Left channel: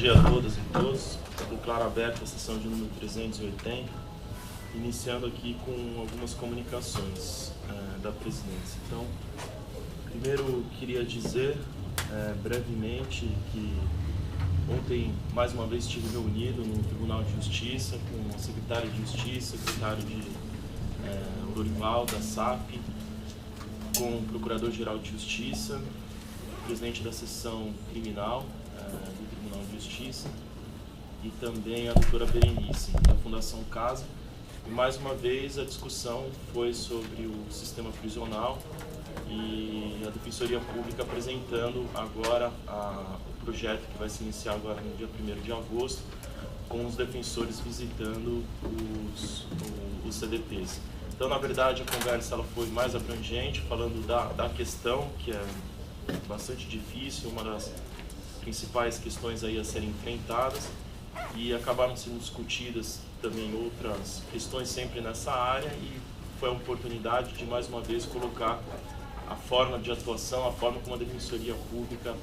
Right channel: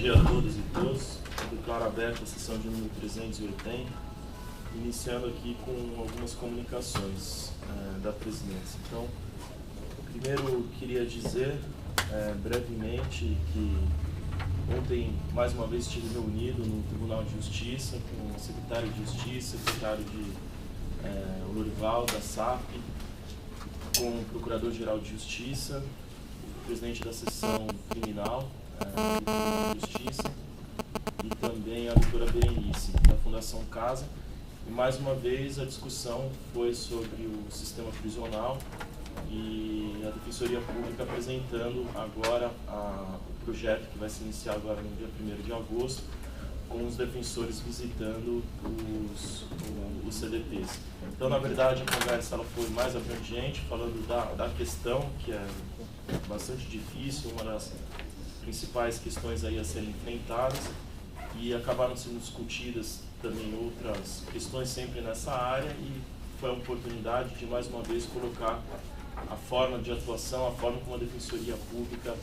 dia a todas e todos. Eu declaro aberta a sessão de número 380, iniciando aqui com algumas comunicações da presidência. Então, primeiro queria dizer brevemente que ontem, mais uma vez, estive reunido no Tribunal de Justiça com a secretária de Justiça, secretário de Lorival, da SAP, com o Procurador-Geral de Justiça, o presidente da seção criminal do Tribunal de Justiça e também a doutora Berenice, da Fundação Casa. E mais uma vez a discussão foi sobre o sistema prisional e a Defensoria Pública apresentando agora o projeto que vai se iniciar agora no dia 1º de agosto, com os defensores visitando os CDPs. Então, na verdade, a conversa ela foi mais abrangente, falando da questão que é bastante difícil, uma das principais questões aí a serem enfrentadas, e acabaram sendo discutidas também outras questões sempre nessa área, e foi a oportunidade de mais uma vez colocar a forma de atuação, a forma como a Defensoria Pública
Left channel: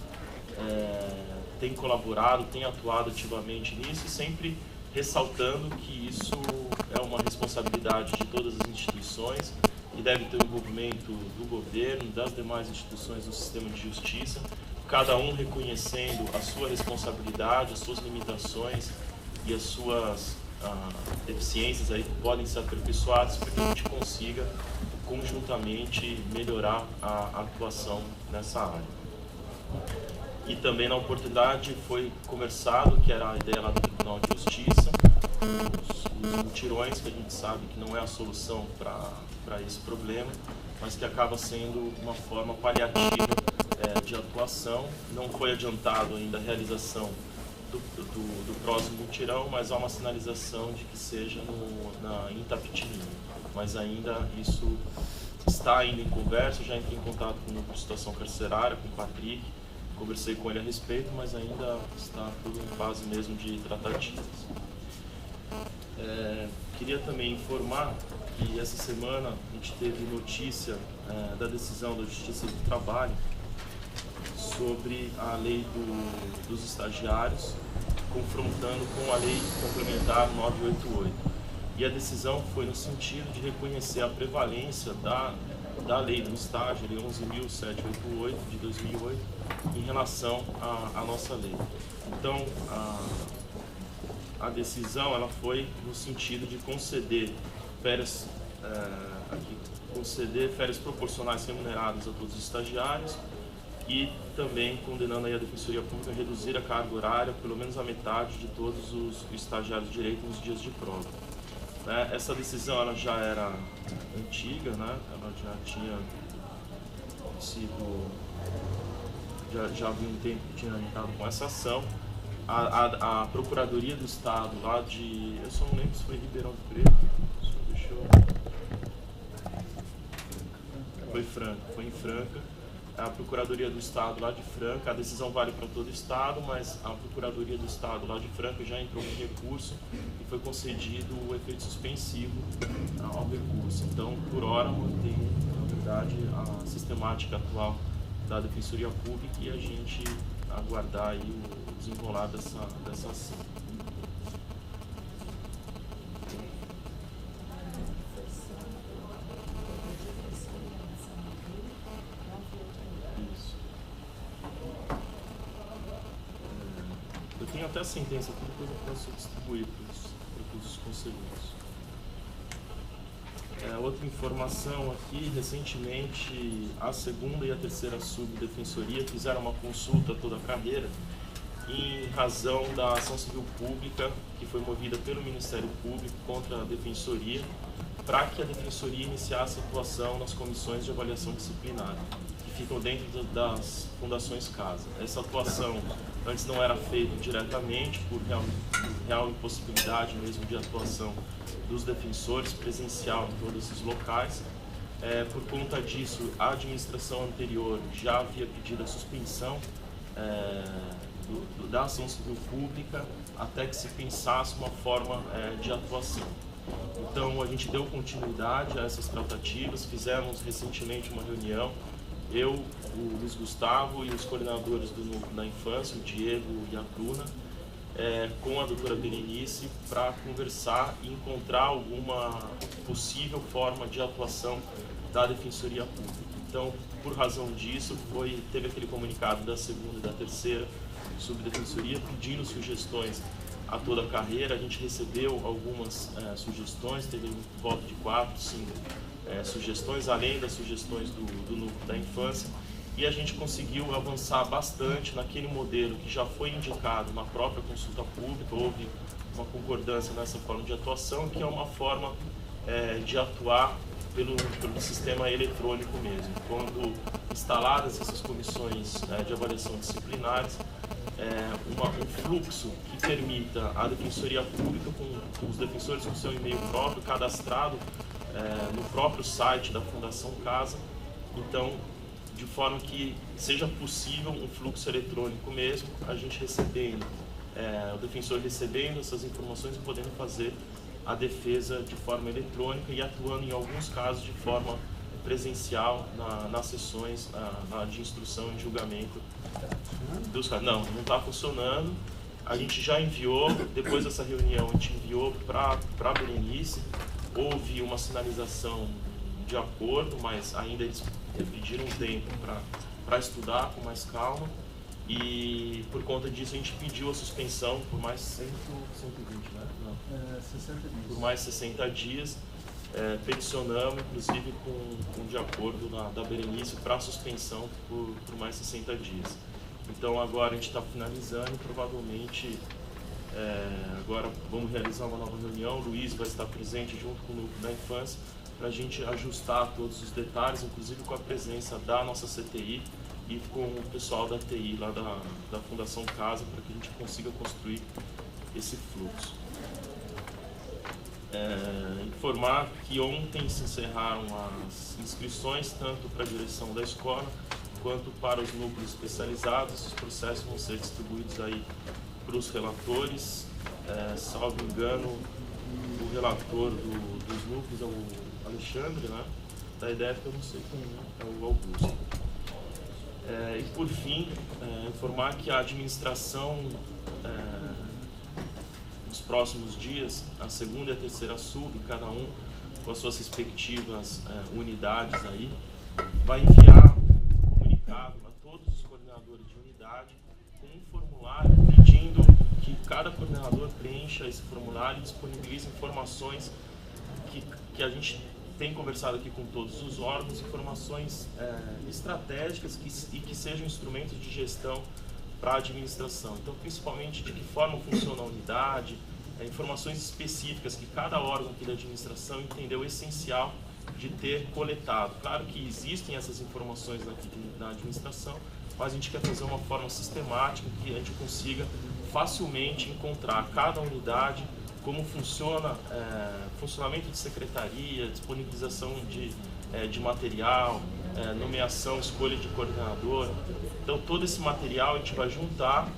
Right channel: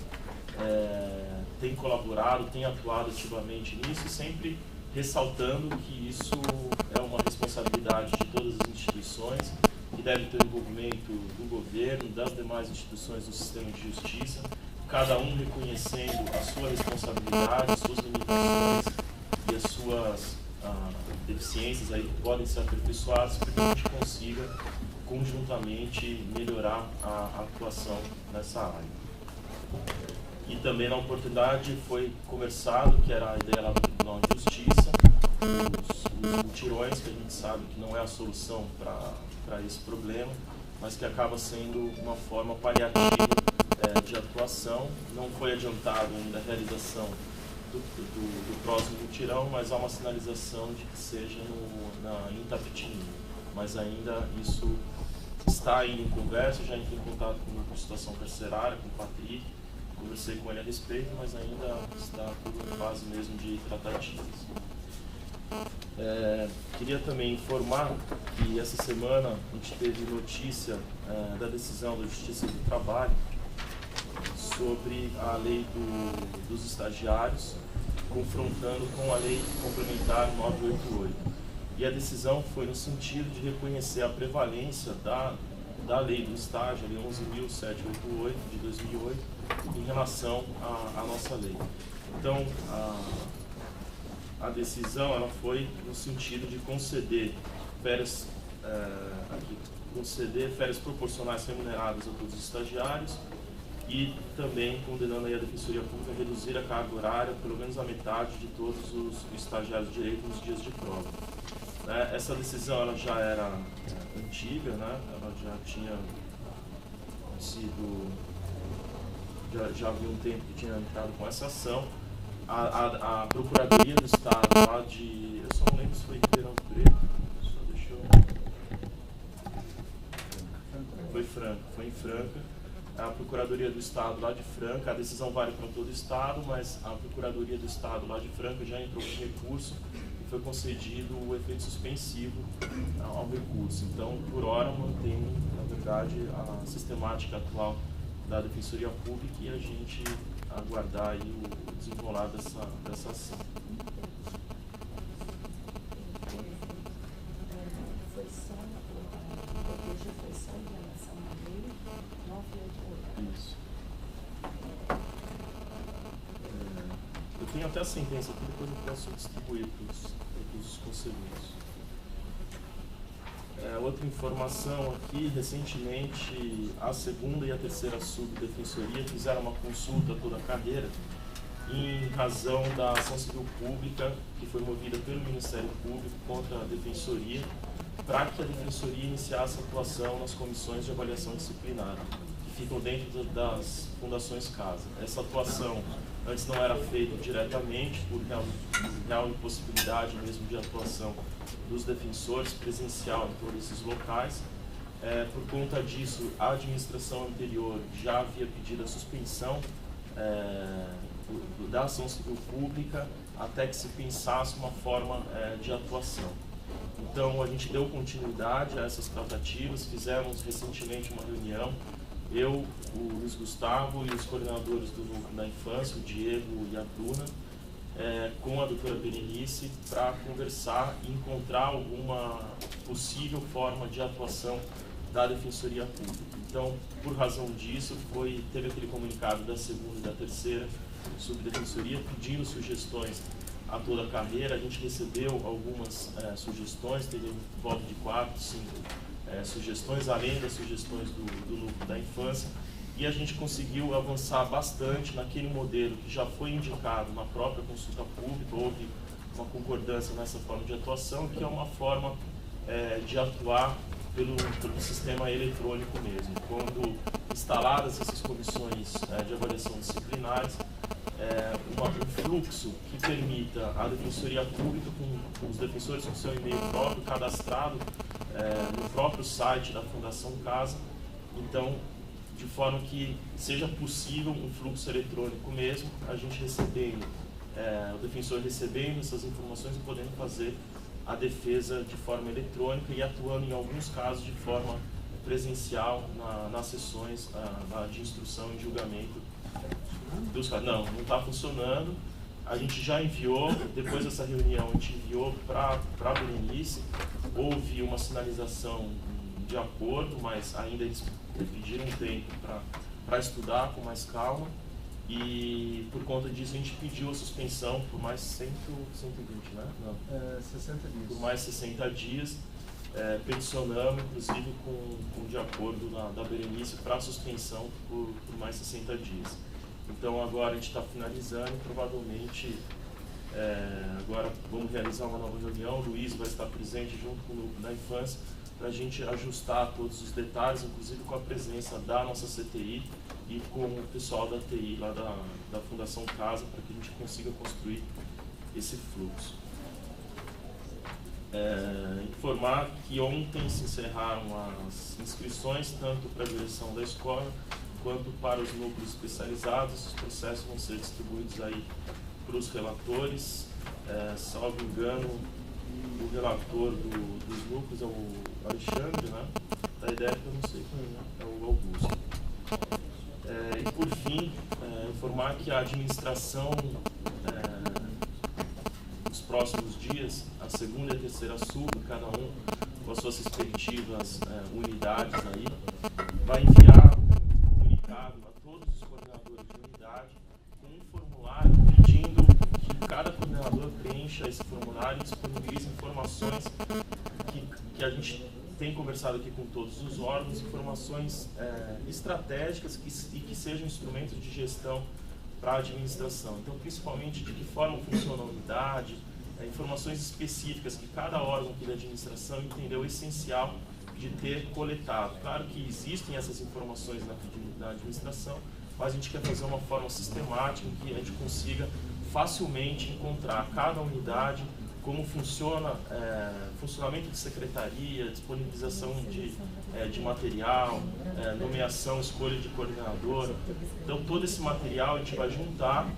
tem colaborado, tem atuado ativamente nisso, e sempre ressaltando que isso é uma responsabilidade de todas as instituições, que deve ter o envolvimento do governo, das demais instituições do sistema de justiça, cada um reconhecendo a sua responsabilidade, as suas limitações e as suas deficiências aí que podem ser aperfeiçoadas, para que a gente consiga conjuntamente melhorar a atuação nessa área. E também na oportunidade foi conversado, que era a ideia lá do Tribunal de Justiça, os mutirões, que a gente sabe que não é a solução para esse problema, mas que acaba sendo uma forma paliativa de atuação. Não foi adiantado ainda a realização do próximo mutirão, mas há uma sinalização de que seja em Itapetininga. Mas ainda isso está ainda em conversa. Já entrei em contato com o Núcleo de Situação Carcerária, com o Patrick, conversei com ele a respeito, mas ainda está tudo em fase mesmo de tratativas. Queria também informar que essa semana a gente teve notícia da decisão da Justiça do Trabalho sobre a lei dos estagiários, confrontando com a lei complementar 988. E a decisão foi no sentido de reconhecer a prevalência da lei do estágio, a lei 11.788 de 2008, em relação à nossa lei. Então, a decisão ela foi no sentido de conceder férias proporcionais remuneradas a todos os estagiários, e também condenando aí a Defensoria Pública a reduzir a carga horária pelo menos a metade de todos os estagiários de direito nos dias de prova. Essa decisão ela já era antiga, né? Ela já tinha sido, já havia um tempo que tinha entrado com essa ação. A Procuradoria do Estado lá de, eu só não lembro se foi Ribeirão Preto, só deixa eu... Foi em Franca. A Procuradoria do Estado lá de Franca, a decisão vale para todo o Estado, mas a Procuradoria do Estado lá de Franca já entrou com recurso e foi concedido o efeito suspensivo ao recurso. Então, por hora, mantém, na verdade, a sistemática atual da Defensoria Pública, e a gente aguardar aí o desenrolar dessa ação. Isso. Eu tenho até a sentença aqui, depois eu posso distribuir para os conselheiros. Outra informação aqui, recentemente a 2ª e a 3ª Subdefensoria fizeram uma consulta a toda a carreira em razão da ação civil pública que foi movida pelo Ministério Público contra a Defensoria, para que a Defensoria iniciasse atuação nas comissões de avaliação disciplinar, que ficam dentro das fundações Casa. Essa atuação antes não era feita diretamente, por real impossibilidade mesmo de atuação dos defensores presencial em todos esses locais. Por conta disso, a administração anterior já havia pedido a suspensão da ação civil pública até que se pensasse uma forma de atuação. Então, a gente deu continuidade a essas tratativas, fizemos recentemente uma reunião, eu, o Luiz Gustavo e os coordenadores do Núcleo da Infância, o Diego e a Bruna, com a doutora Berenice para conversar e encontrar alguma possível forma de atuação da Defensoria Pública. Então, por razão disso, teve aquele comunicado da segunda e da terceira subdefensoria pedindo sugestões a toda a carreira. A gente recebeu algumas sugestões, teve em volta de 4, 5 sugestões, além das sugestões do núcleo da infância, e a gente conseguiu avançar bastante naquele modelo que já foi indicado na própria consulta pública. Houve uma concordância nessa forma de atuação, que é uma forma de atuar pelo sistema eletrônico mesmo. Quando instaladas essas comissões de avaliação disciplinares, um fluxo que permita a Defensoria Pública, com os defensores com seu e-mail próprio, cadastrado no próprio site da Fundação Casa, então, de forma que seja possível um fluxo eletrônico mesmo, a gente recebendo, o defensor recebendo essas informações e podendo fazer a defesa de forma eletrônica e atuando em alguns casos de forma presencial nas sessões de instrução e julgamento dos casos. Não está funcionando. A gente já enviou, depois dessa reunião, a gente enviou para a Berenice. Houve uma sinalização de acordo, mas ainda eles pediram um tempo para estudar com mais calma. E por conta disso a gente pediu a suspensão por mais 120, né? Não. 60 dias. Por mais 60 dias. Peticionamos, inclusive com de acordo da Berenice, para a suspensão por mais 60 dias. Então agora a gente está finalizando e provavelmente agora vamos realizar uma nova reunião. O Luiz vai estar presente junto com o núcleo da infância para a gente ajustar todos os detalhes, inclusive com a presença da nossa CTI e com o pessoal da TI lá da Fundação Casa, para que a gente consiga construir esse fluxo. Informar que ontem se encerraram as inscrições, tanto para a direção da escola quanto para os núcleos especializados. Os processos vão ser distribuídos aí para os relatores. Salvo engano, o relator dos núcleos é o Alexandre, né? Da IDEF eu não sei quem é o Augusto. E por fim, informar que a administração, nos próximos dias, a segunda e a terceira sub, cada um com as suas respectivas unidades aí, vai enviar um comunicado a todos os coordenadores de unidade com um formulário pedindo que cada coordenador preencha esse formulário e disponibilize informações que a gente tem conversado aqui com todos os órgãos, informações estratégicas e que sejam instrumentos de gestão para a administração. Então, principalmente de que forma funciona a unidade, informações específicas que cada órgão aqui da administração entendeu essencial de ter coletado. Claro que existem essas informações na administração, mas a gente quer fazer uma forma sistemática que a gente consiga facilmente encontrar cada unidade, como funciona, funcionamento de secretaria, disponibilização de material, nomeação, escolha de coordenador. Então, todo esse material a gente vai juntar,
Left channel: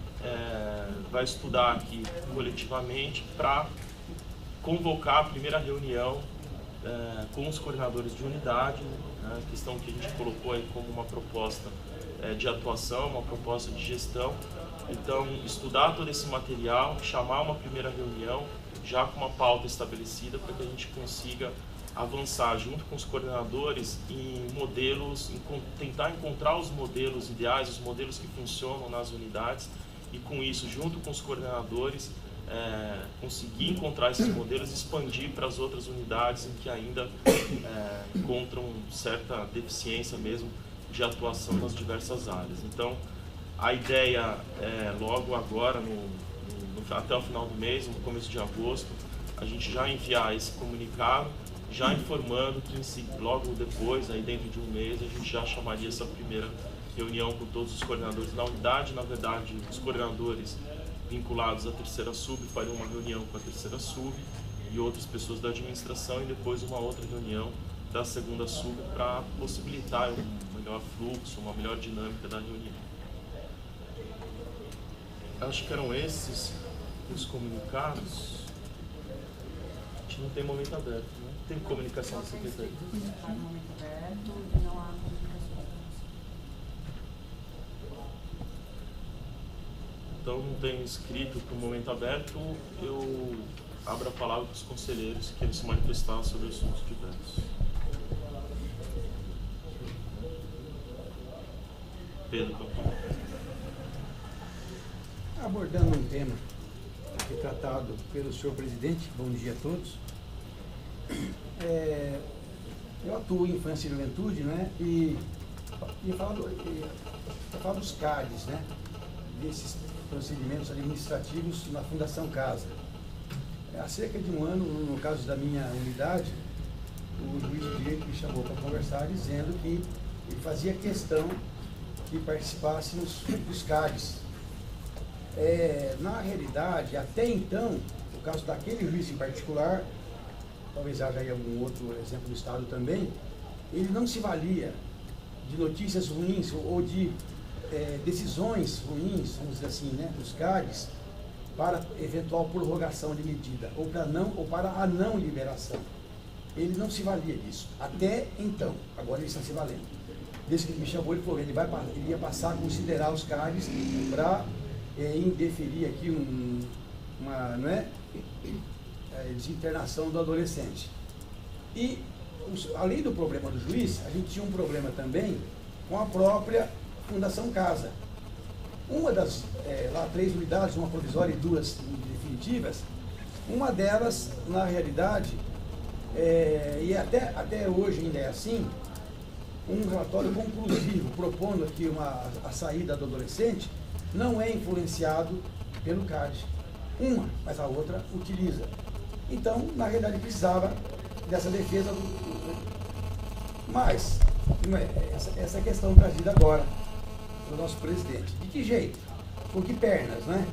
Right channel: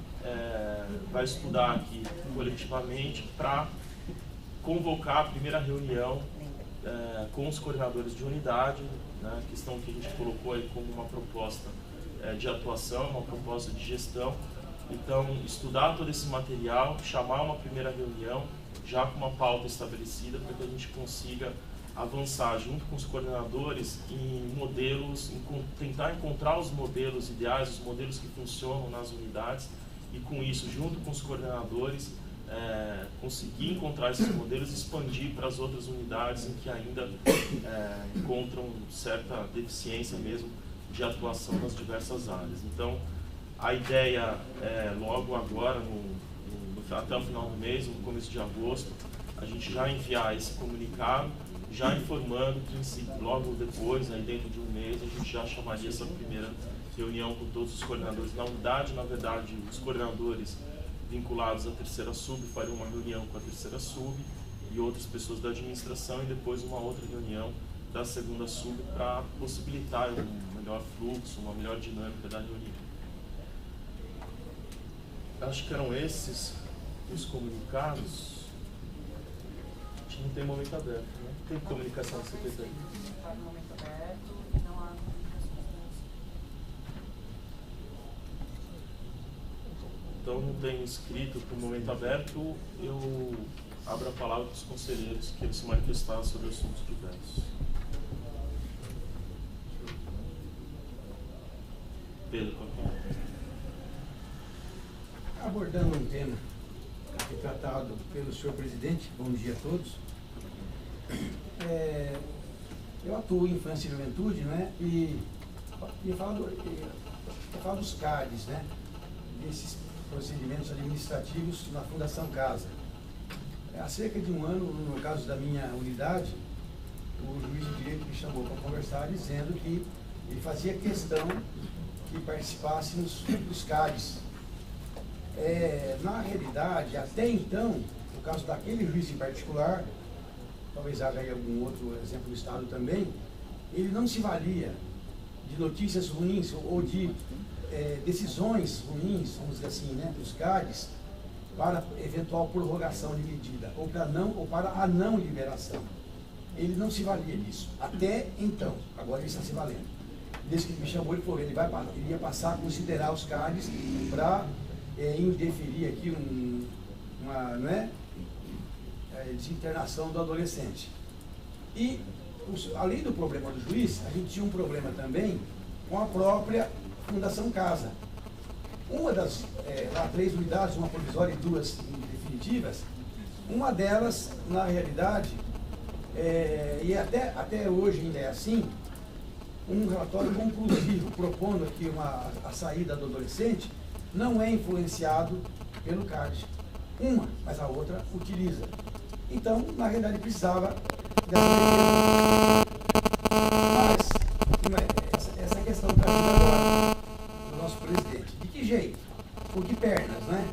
vai estudar aqui coletivamente para convocar a primeira reunião com os coordenadores de unidade, né, questão que a gente colocou aí como uma proposta de atuação, uma proposta de gestão. Então, estudar todo esse material, chamar uma primeira reunião, já com uma pauta estabelecida, para que a gente consiga avançar junto com os coordenadores em modelos, tentar encontrar os modelos ideais, os modelos que funcionam nas unidades, e com isso, junto com os coordenadores, conseguir encontrar esses modelos e expandir para as outras unidades em que ainda encontram certa deficiência mesmo de atuação nas diversas áreas. Então, a ideia é logo agora, até o final do mês, no começo de agosto, a gente já enviar esse comunicado, já informando que logo depois, aí dentro de um mês, a gente já chamaria essa primeira reunião com todos os coordenadores da unidade. Na verdade, os coordenadores vinculados à terceira sub fariam uma reunião com a terceira sub e outras pessoas da administração, e depois uma outra reunião da segunda sub para possibilitar um melhor fluxo, uma melhor dinâmica da reunião. Acho que eram esses os comunicados. A gente não tem momento aberto, né? Tem comunicação da secretaria? Não está no momento aberto e não há comunicações. Então, não tem inscrito para o momento aberto, eu abro a palavra para os conselheiros que eles se manifestar sobre assuntos diversos. Pedro, abordando um tema que é tratado pelo senhor presidente, bom dia a todos. Eu atuo em infância e juventude, né? E falar dos CADs, né? Desses procedimentos administrativos na Fundação Casa. Há cerca de um ano, no caso da minha unidade, o juiz de direito me chamou para conversar, dizendo que ele fazia questão que participássemos dos CADs. Na realidade, até então, no caso daquele juiz em particular, talvez haja aí algum outro exemplo no Estado também, ele não se valia de notícias ruins ou de decisões ruins, vamos dizer assim, né, dos CADs, para eventual prorrogação de medida, ou para a não liberação. Ele não se valia disso, até então. Agora ele está se valendo. Desde que ele me chamou, ele falou, ele ia passar a considerar os CADs para indeferir aqui uma desinternação do adolescente. E, além do problema do juiz, a gente tinha um problema também com a própria Fundação Casa. Uma das, lá 3 unidades, uma provisória e 2 definitivas, uma delas, na realidade, e até hoje ainda é assim, um relatório conclusivo propondo aqui a saída do adolescente não é influenciado pelo CAD. Uma, mas a outra utiliza. Então, na realidade, precisava dessa defesa. Mas, essa questão trazida agora do nosso presidente. De que jeito? Com que pernas, né?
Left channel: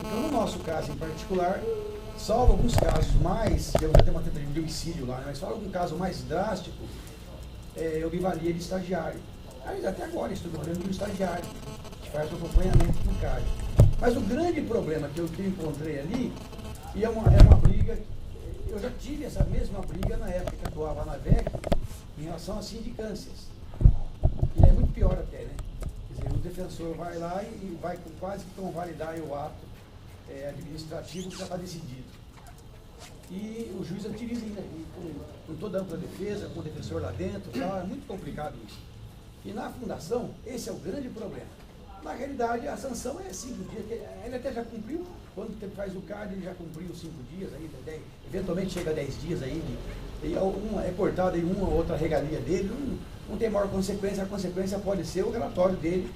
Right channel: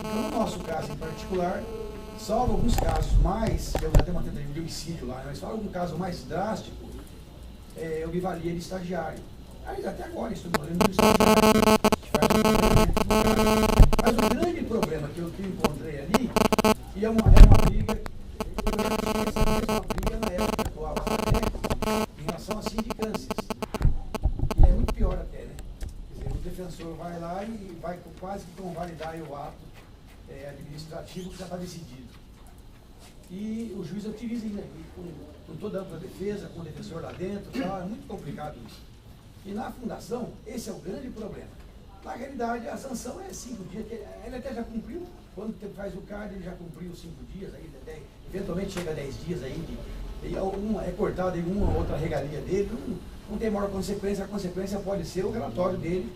Então, no nosso caso em particular, salvo alguns casos mais, temos até uma tentativa de homicídio lá, mas salvo algum caso mais drástico, eu me valia de estagiário. Até agora estou falando do estagiário, que faz o acompanhamento do cara. Mas o grande problema que eu encontrei ali, e é uma briga, eu já tive essa mesma briga na época que eu atuava na DEC, em relação a sindicâncias. E é muito pior até, né? Quer dizer, o defensor vai lá e vai quase que convalidar o ato administrativo que já está decidido. E o juiz utiliza ainda com toda a ampla defesa, com o defensor lá dentro, tá? É muito complicado isso. E na fundação, esse é o grande problema. Na realidade, a sanção é 5 dias, ele até já cumpriu, quando faz o CAD, ele já cumpriu 5 dias, aí, eventualmente chega a 10 dias aí, é cortado em uma ou outra regalia dele, não tem maior consequência, a consequência pode ser o relatório dele,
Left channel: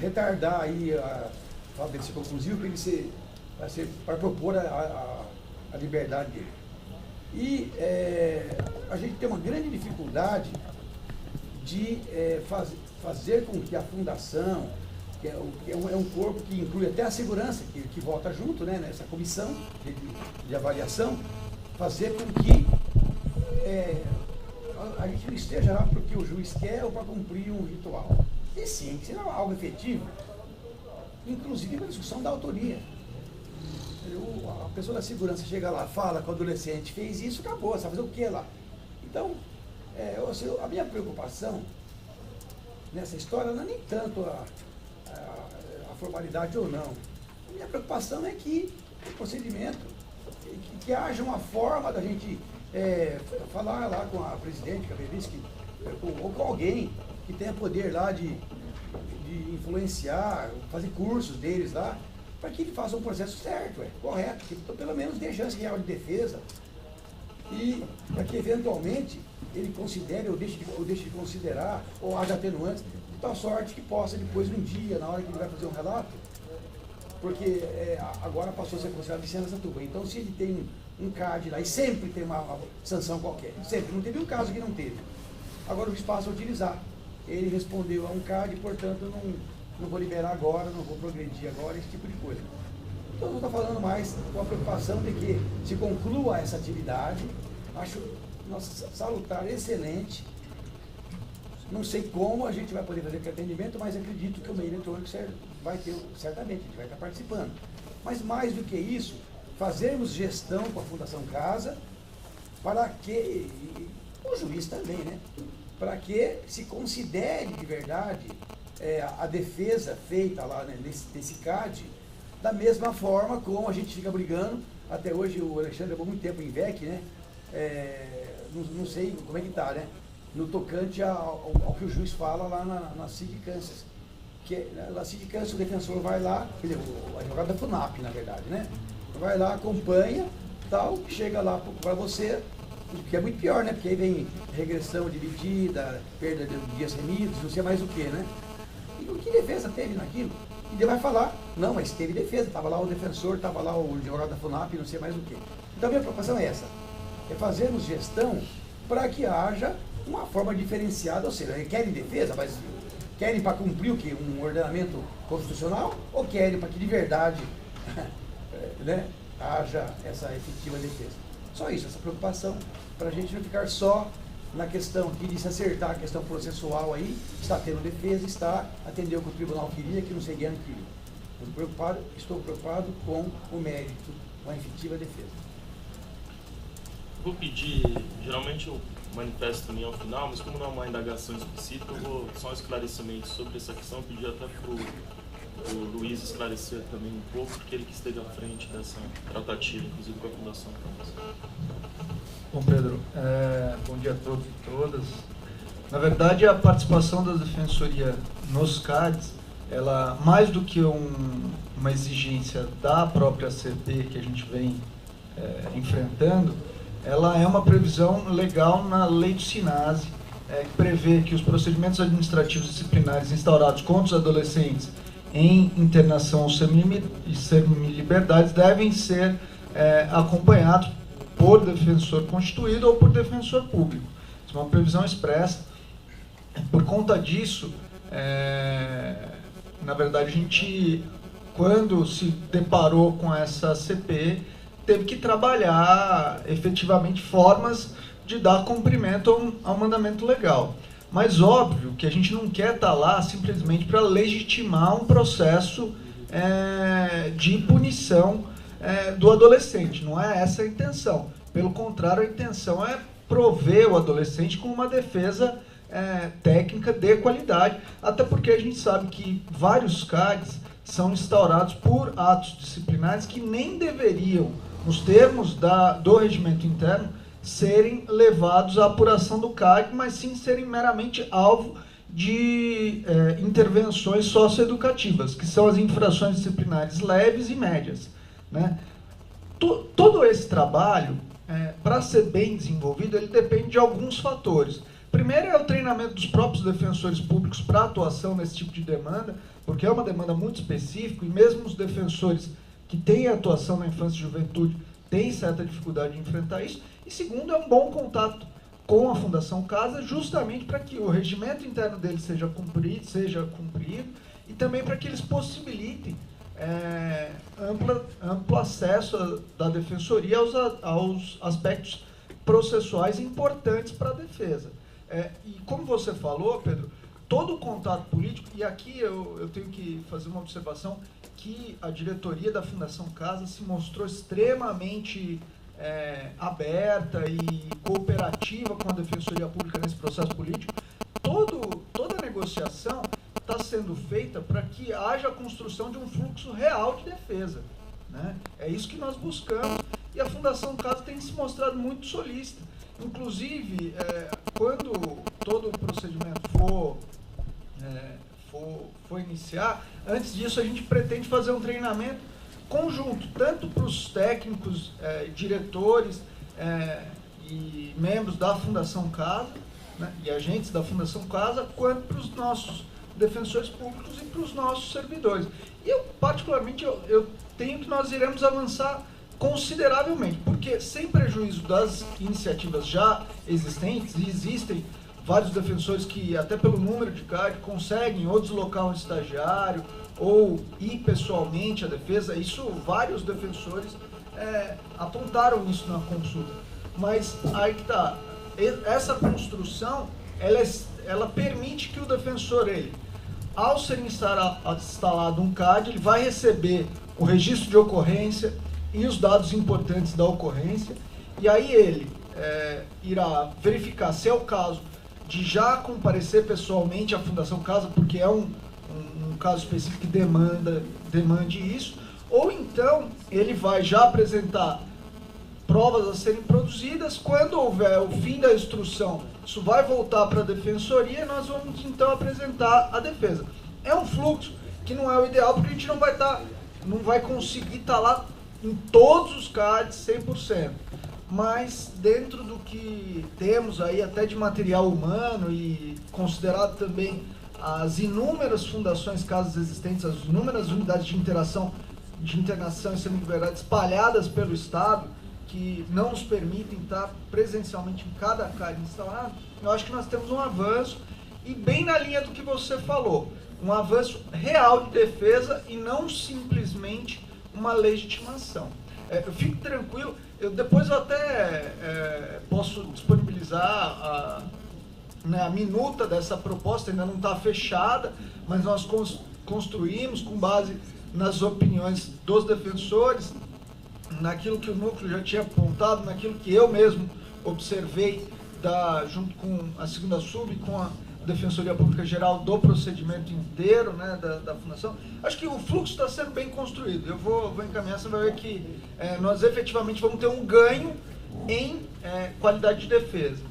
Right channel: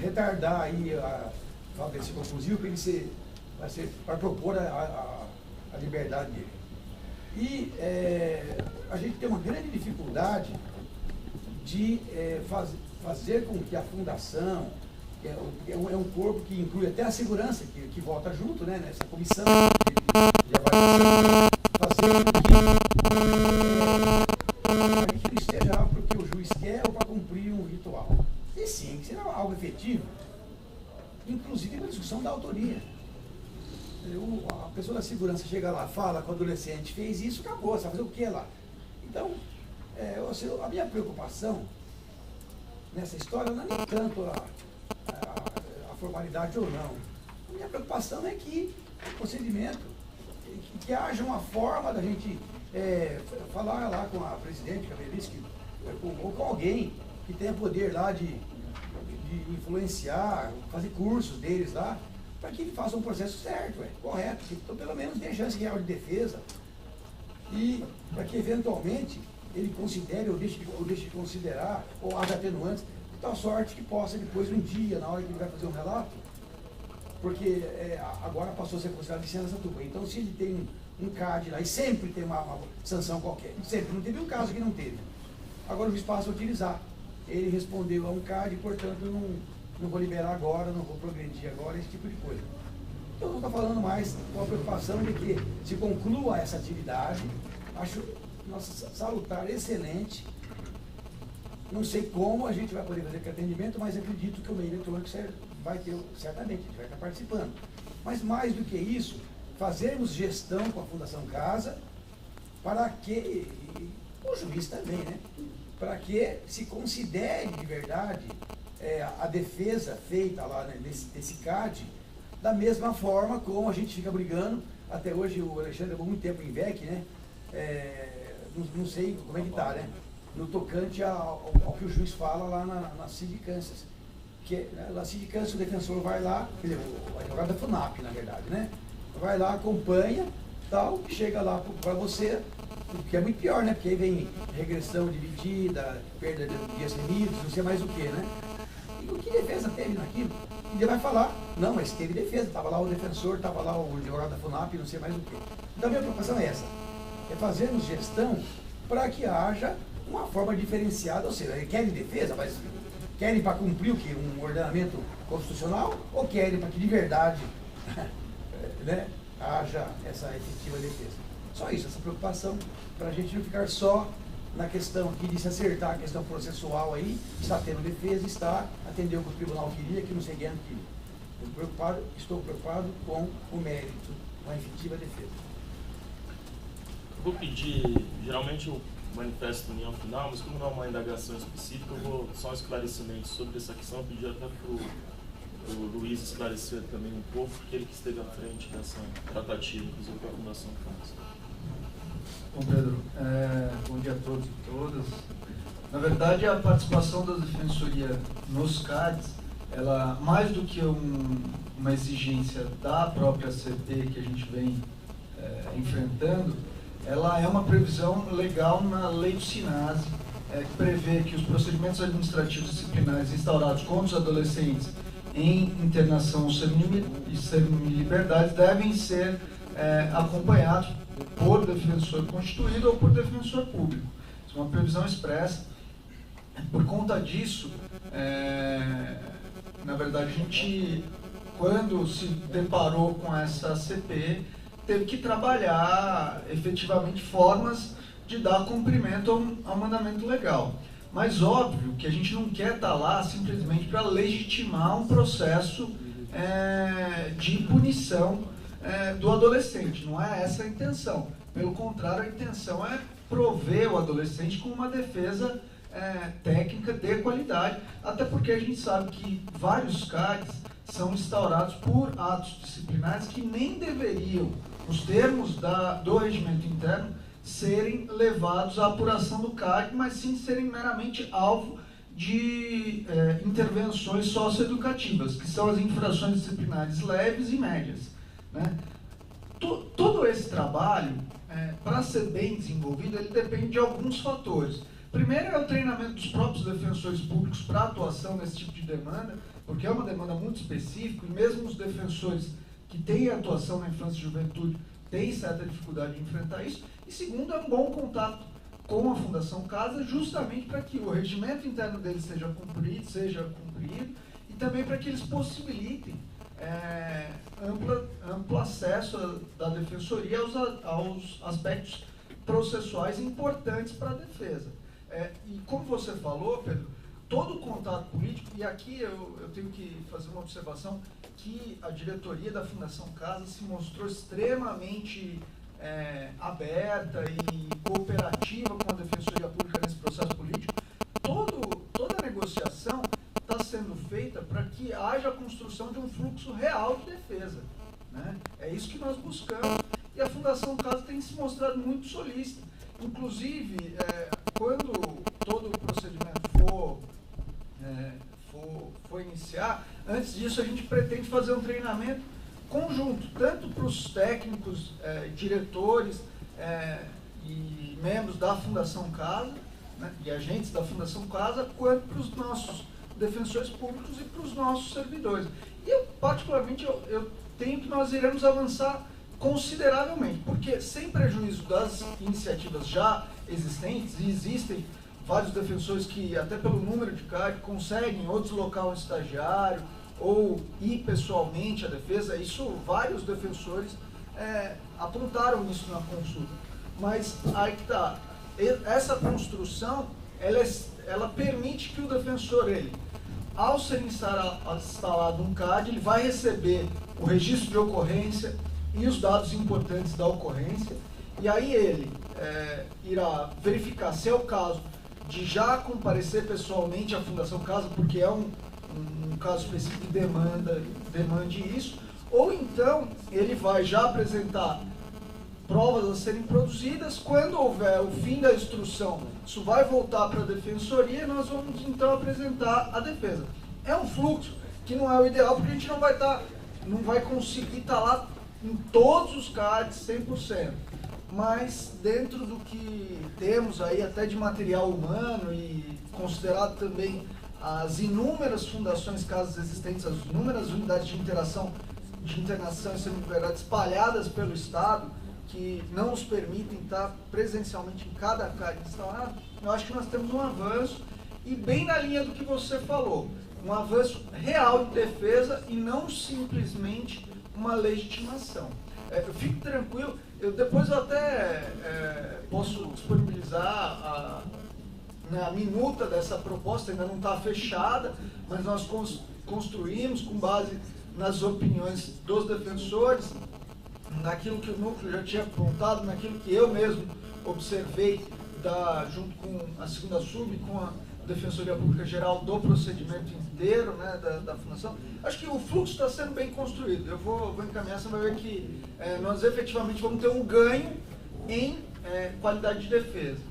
retardar aí a fala dele ser conclusivo, para propor a liberdade dele. E a gente tem uma grande dificuldade de fazer com que a fundação, que é um corpo que inclui até a segurança, que vota junto, né, nessa comissão de avaliação, fazer com que a gente não esteja lá porque o juiz quer ou para cumprir um ritual. E sim, que seja algo efetivo, inclusive na discussão da autoria. A pessoa da segurança chega lá, fala que o adolescente fez isso, acabou, você vai fazer o que lá? Então, a minha preocupação nessa história não é nem tanto a formalidade ou não. A minha preocupação é que o procedimento, que haja uma forma da gente falar lá com a presidente, ou com alguém que tenha poder lá de influenciar, fazer cursos deles lá, para que ele faça um processo certo, correto, que pelo menos dê chance real de defesa, e para que eventualmente ele considere ou deixe de considerar, ou haja atenuantes, de tal sorte que possa depois, um dia, na hora que ele vai fazer um relato, porque agora passou a ser considerado licença tuba. Então, se ele tem um CAD lá, e sempre tem uma sanção qualquer, sempre, não teve um caso que não teve. Agora o juiz passa a utilizar. Ele respondeu a um CAD, portanto, não vou liberar agora, não vou progredir agora, esse tipo de coisa. Então, eu estou falando mais com a preocupação de que se conclua essa atividade. Acho salutar, excelente. Não sei como a gente vai poder fazer aquele atendimento, mas acredito que o meio eletrônico vai ter, certamente, a gente vai estar participando. Mas mais do que isso, fazermos gestão com a Fundação Casa, para que, o juiz também, né? Para que se considere de verdade a defesa feita lá, né, desse CAD, da mesma forma como a gente fica brigando. Até hoje o Alexandre levou muito tempo em VEC, né? Não sei como é que está, né? No tocante ao que o juiz fala lá na sindicâncias. Que na sindicância o defensor vai lá, quer dizer, o advogado da FUNAP, na verdade, né? Vai lá, acompanha, tal, chega lá para você, que é muito pior, né? Porque aí vem regressão dividida, perda de dias remidos, não sei mais o que, né? E o que defesa teve naquilo? E ele vai falar, não, mas teve defesa, estava lá o defensor, estava lá o advogado da FUNAP, não sei mais o que. Então a minha preocupação é essa, é fazermos gestão para que haja uma forma diferenciada, ou seja, querem defesa, mas querem para cumprir o quê? Um ordenamento constitucional, ou querem para que de verdade né, haja essa efetiva defesa? Só isso, essa preocupação, para a gente não ficar só na questão aqui de se acertar a questão processual aí, está tendo defesa, está atendendo o que o tribunal queria, que não sei quem queria. Estou preocupado com o mérito, com a efetiva defesa. Vou pedir, geralmente eu manifesto também ao final, mas como não é uma indagação específica, eu vou só um esclarecimento sobre essa questão, pedir até para o Luiz esclarecer também um pouco, porque ele que esteve à frente dessa tratativa, inclusive com a Fundação Campos. Bom, Pedro, bom dia a todos e todas. Na verdade, a participação da Defensoria nos CADs, ela, mais do que uma exigência da própria CP que a gente vem enfrentando, ela é uma previsão legal na lei do SINASE, que prevê que os procedimentos administrativos disciplinares instaurados contra os adolescentes em internação e semiliberdade devem ser acompanhados por defensor constituído ou por defensor público. Isso é uma previsão expressa. Por conta disso, na verdade, a gente, quando se deparou com essa CP, teve que trabalhar efetivamente formas de dar cumprimento ao mandamento legal. Mas óbvio que a gente não quer estar lá simplesmente para legitimar um processo de punição do adolescente. Não é essa a intenção. Pelo contrário, a intenção é prover o adolescente com uma defesa técnica de qualidade, até porque a gente sabe que vários CADs são instaurados por atos disciplinares que nem deveriam, nos termos do regimento interno, serem levados à apuração do CAD, mas sim serem meramente alvo de intervenções socioeducativas, que são as infrações disciplinares leves e médias, né? Todo esse trabalho, para ser bem desenvolvido, ele depende de alguns fatores. Primeiro é o treinamento dos próprios defensores públicos para atuação nesse tipo de demanda, porque é uma demanda muito específica, e mesmo os defensores que têm atuação na infância e juventude têm certa dificuldade de enfrentar isso. E segundo, é um bom contato com a Fundação Casa, justamente para que o regimento interno deles seja cumprido e também para que eles possibilitem amplo acesso da defensoria aos aspectos processuais importantes para a defesa. E como você falou, Pedro, todo o contato político, e aqui eu tenho que fazer uma observação, que a diretoria da Fundação Casa se mostrou extremamente aberta e cooperativa com a Defensoria Pública nesse processo político. Toda a negociação está sendo feita para que haja a construção de um fluxo real de defesa, né? É isso que nós buscamos, e a Fundação Casa tem se mostrado muito solícita. Inclusive, quando todo o procedimento for iniciar, antes disso a gente pretende fazer um treinamento conjunto, tanto para os técnicos, diretores e membros da Fundação Casa, né, e agentes da Fundação Casa, quanto para os nossos defensores públicos e para os nossos servidores. E eu, particularmente, eu tenho que nós iremos avançar consideravelmente, porque sem prejuízo das iniciativas já existentes, e existem vários defensores que, até pelo número de CAD, conseguem ou deslocar um estagiário ou ir pessoalmente à defesa. Isso, vários defensores apontaram isso na consulta. Mas aí que está, essa construção, ela permite que o defensor, ao ser instalado um CAD, ele vai receber o registro de ocorrência e os dados importantes da ocorrência, e aí ele irá verificar se é o caso de já comparecer pessoalmente à Fundação Casa, porque é um caso específico que demande isso, ou então ele vai já apresentar provas a serem produzidas. Quando houver o fim da instrução, isso vai voltar para a defensoria e nós vamos então apresentar a defesa. É um fluxo que não é o ideal, porque a gente não vai conseguir estar lá em todos os CADs 100%. Mas dentro do que temos aí, até de material humano e considerado também as inúmeras fundações, casas existentes, as inúmeras unidades de internação e semi-liberdade espalhadas pelo Estado, que não nos permitem estar presencialmente em cada CAD instalado, eu acho que nós temos um avanço, e bem na linha do que você falou, um avanço real de defesa e não simplesmente uma legitimação. Eu fico tranquilo, depois eu até posso disponibilizar a minuta dessa proposta, ainda não está fechada, mas nós construímos com base nas opiniões dos defensores, naquilo que o núcleo já tinha apontado, naquilo que eu mesmo observei junto com a segunda sub, com a Defensoria Pública Geral do procedimento inteiro, né, da fundação. Acho que o fluxo está sendo bem construído. Eu vou encaminhar, você vai ver que nós efetivamente vamos ter um ganho em qualidade de defesa.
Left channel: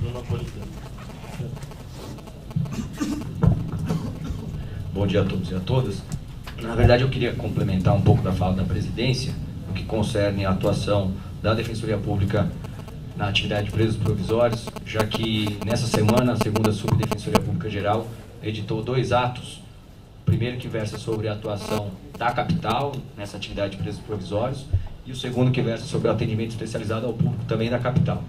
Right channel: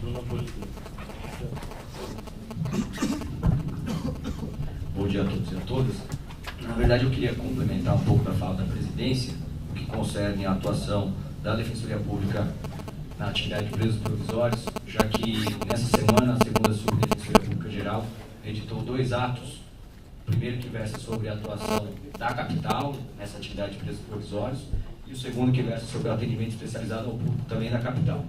Bruno Napolitano. Bom dia a todos e a todas. Na verdade, eu queria complementar um pouco da fala da presidência, no que concerne a atuação da Defensoria Pública na atividade de presos provisórios, já que nessa semana a segunda Subdefensoria Pública Geral editou 2 atos. O primeiro que versa sobre a atuação da capital nessa atividade de presos provisórios e o segundo que versa sobre o atendimento especializado ao público também da capital.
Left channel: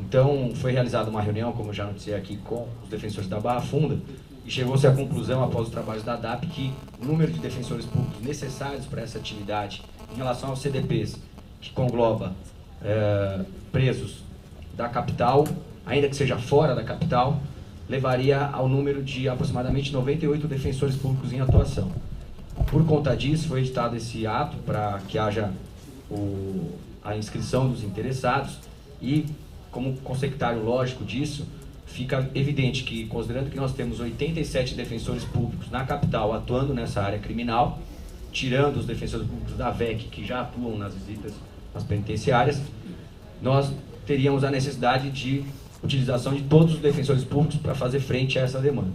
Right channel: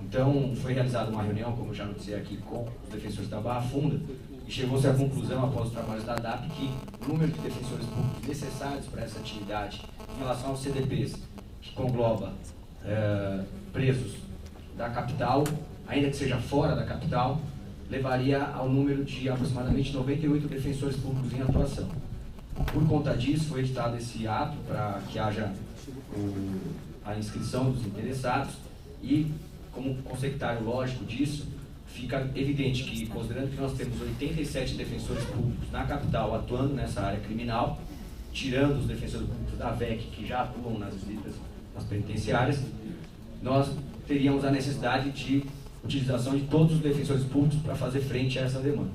Então, foi realizada uma reunião, como eu já noticiei aqui, com os defensores da Barra Funda, e chegou-se à conclusão, após os trabalhos da DAP, que o número de defensores públicos necessários para essa atividade, em relação aos CDPs, que congloba presos da capital, ainda que seja fora da capital, levaria ao número de aproximadamente 98 defensores públicos em atuação. Por conta disso, foi editado esse ato para que haja a inscrição dos interessados e, como consecutário lógico disso, fica evidente que, considerando que nós temos 87 defensores públicos na capital atuando nessa área criminal, tirando os defensores públicos da VEC, que já atuam nas visitas às penitenciárias, nós teríamos a necessidade de utilização de todos os defensores públicos para fazer frente a essa demanda.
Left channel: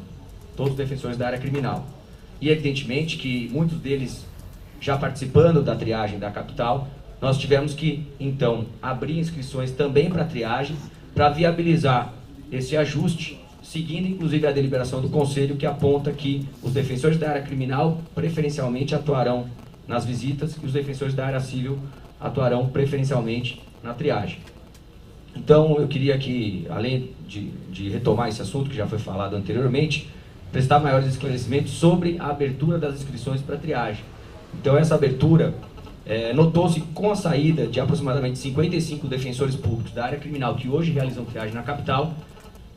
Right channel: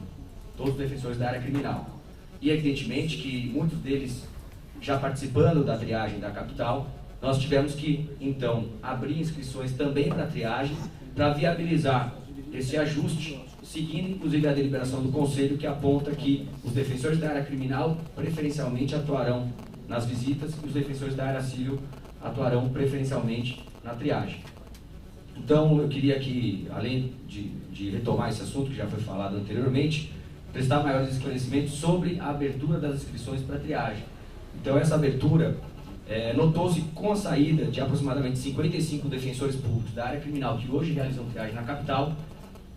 Todos os defensores da área criminal. E, evidentemente, que muitos deles já participando da triagem da capital, nós tivemos que, então, abrir inscrições também para a triagem, para viabilizar esse ajuste, seguindo, inclusive, a deliberação do Conselho, que aponta que os defensores da área criminal, preferencialmente, atuarão nas visitas e os defensores da área civil atuarão preferencialmente na triagem. Então, eu queria que, além de retomar esse assunto que já foi falado anteriormente, prestar maiores esclarecimentos sobre a abertura das inscrições para triagem. Então, essa abertura notou-se com a saída de aproximadamente 55 defensores públicos da área criminal que hoje realizam triagem na capital,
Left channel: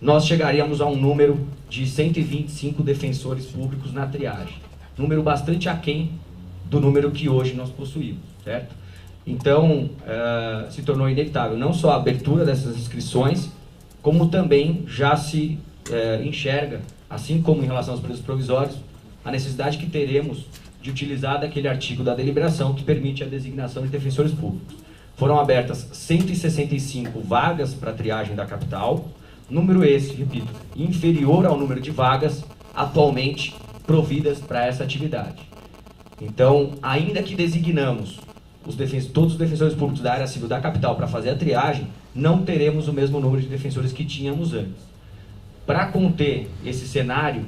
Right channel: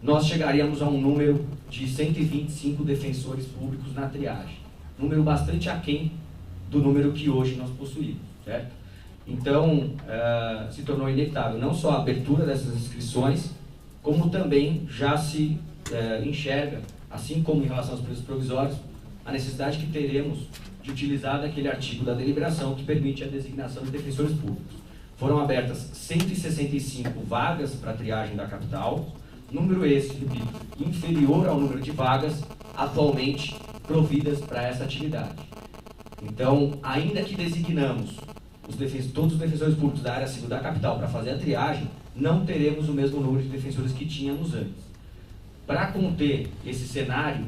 nós chegaríamos a um número de 125 defensores públicos na triagem. Número bastante aquém do número que hoje nós possuímos, certo? Então, se tornou inevitável não só a abertura dessas inscrições, como também já se enxerga, assim como em relação aos presos provisórios, a necessidade que teremos de utilizar daquele artigo da deliberação que permite a designação de defensores públicos. Foram abertas 165 vagas para a triagem da capital, número esse, repito, inferior ao número de vagas atualmente providas para essa atividade. Então, ainda que designamos todos os defensores públicos da área civil da capital para fazer a triagem, não teremos o mesmo número de defensores que tínhamos antes. Para conter esse cenário,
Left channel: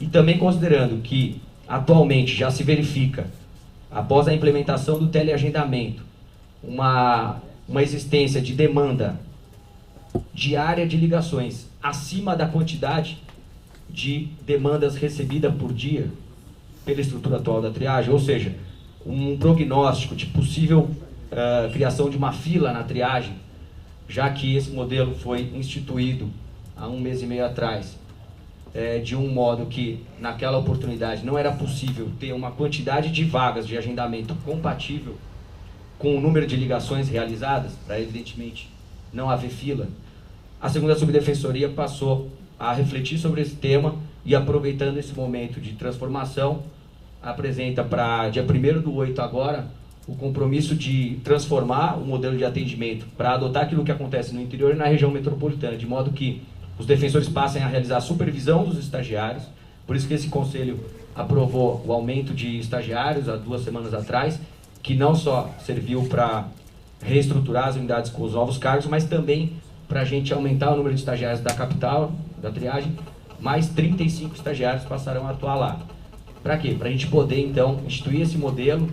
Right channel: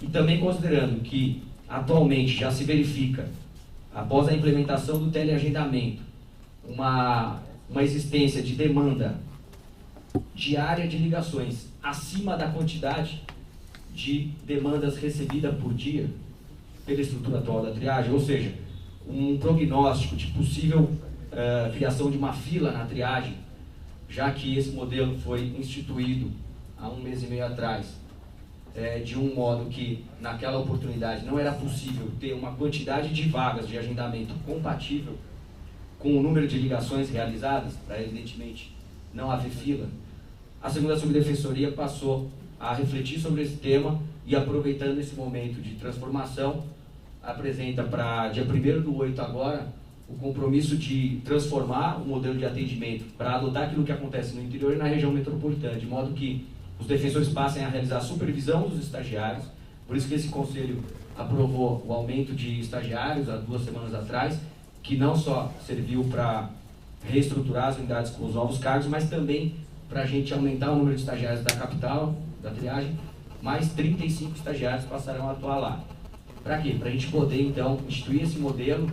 e também considerando que atualmente já se verifica, após a implementação do teleagendamento, uma existência de demanda diária de ligações acima da quantidade de demandas recebidas por dia pela estrutura atual da triagem, ou seja, um prognóstico de possível criação de uma fila na triagem, já que esse modelo foi instituído há 1 mês e meio atrás, de um modo que, naquela oportunidade, não era possível ter uma quantidade de vagas de agendamento compatível com o número de ligações realizadas, para, evidentemente, não haver fila. a segunda subdefensoria passou a refletir sobre esse tema e, aproveitando esse momento de transformação, apresenta para dia 1º/8 agora o compromisso de transformar o modelo de atendimento para adotar aquilo que acontece no interior e na região metropolitana, de modo que os defensores passem a realizar a supervisão dos estagiários. Por isso que esse conselho aprovou o aumento de estagiários há 2 semanas atrás, que não só serviu para reestruturar as unidades com os novos cargos, mas também para a gente aumentar o número de estagiários da capital, da triagem. Mais 35 estagiários passarão a atuar lá. Para quê? Para a gente poder, então, instituir esse modelo,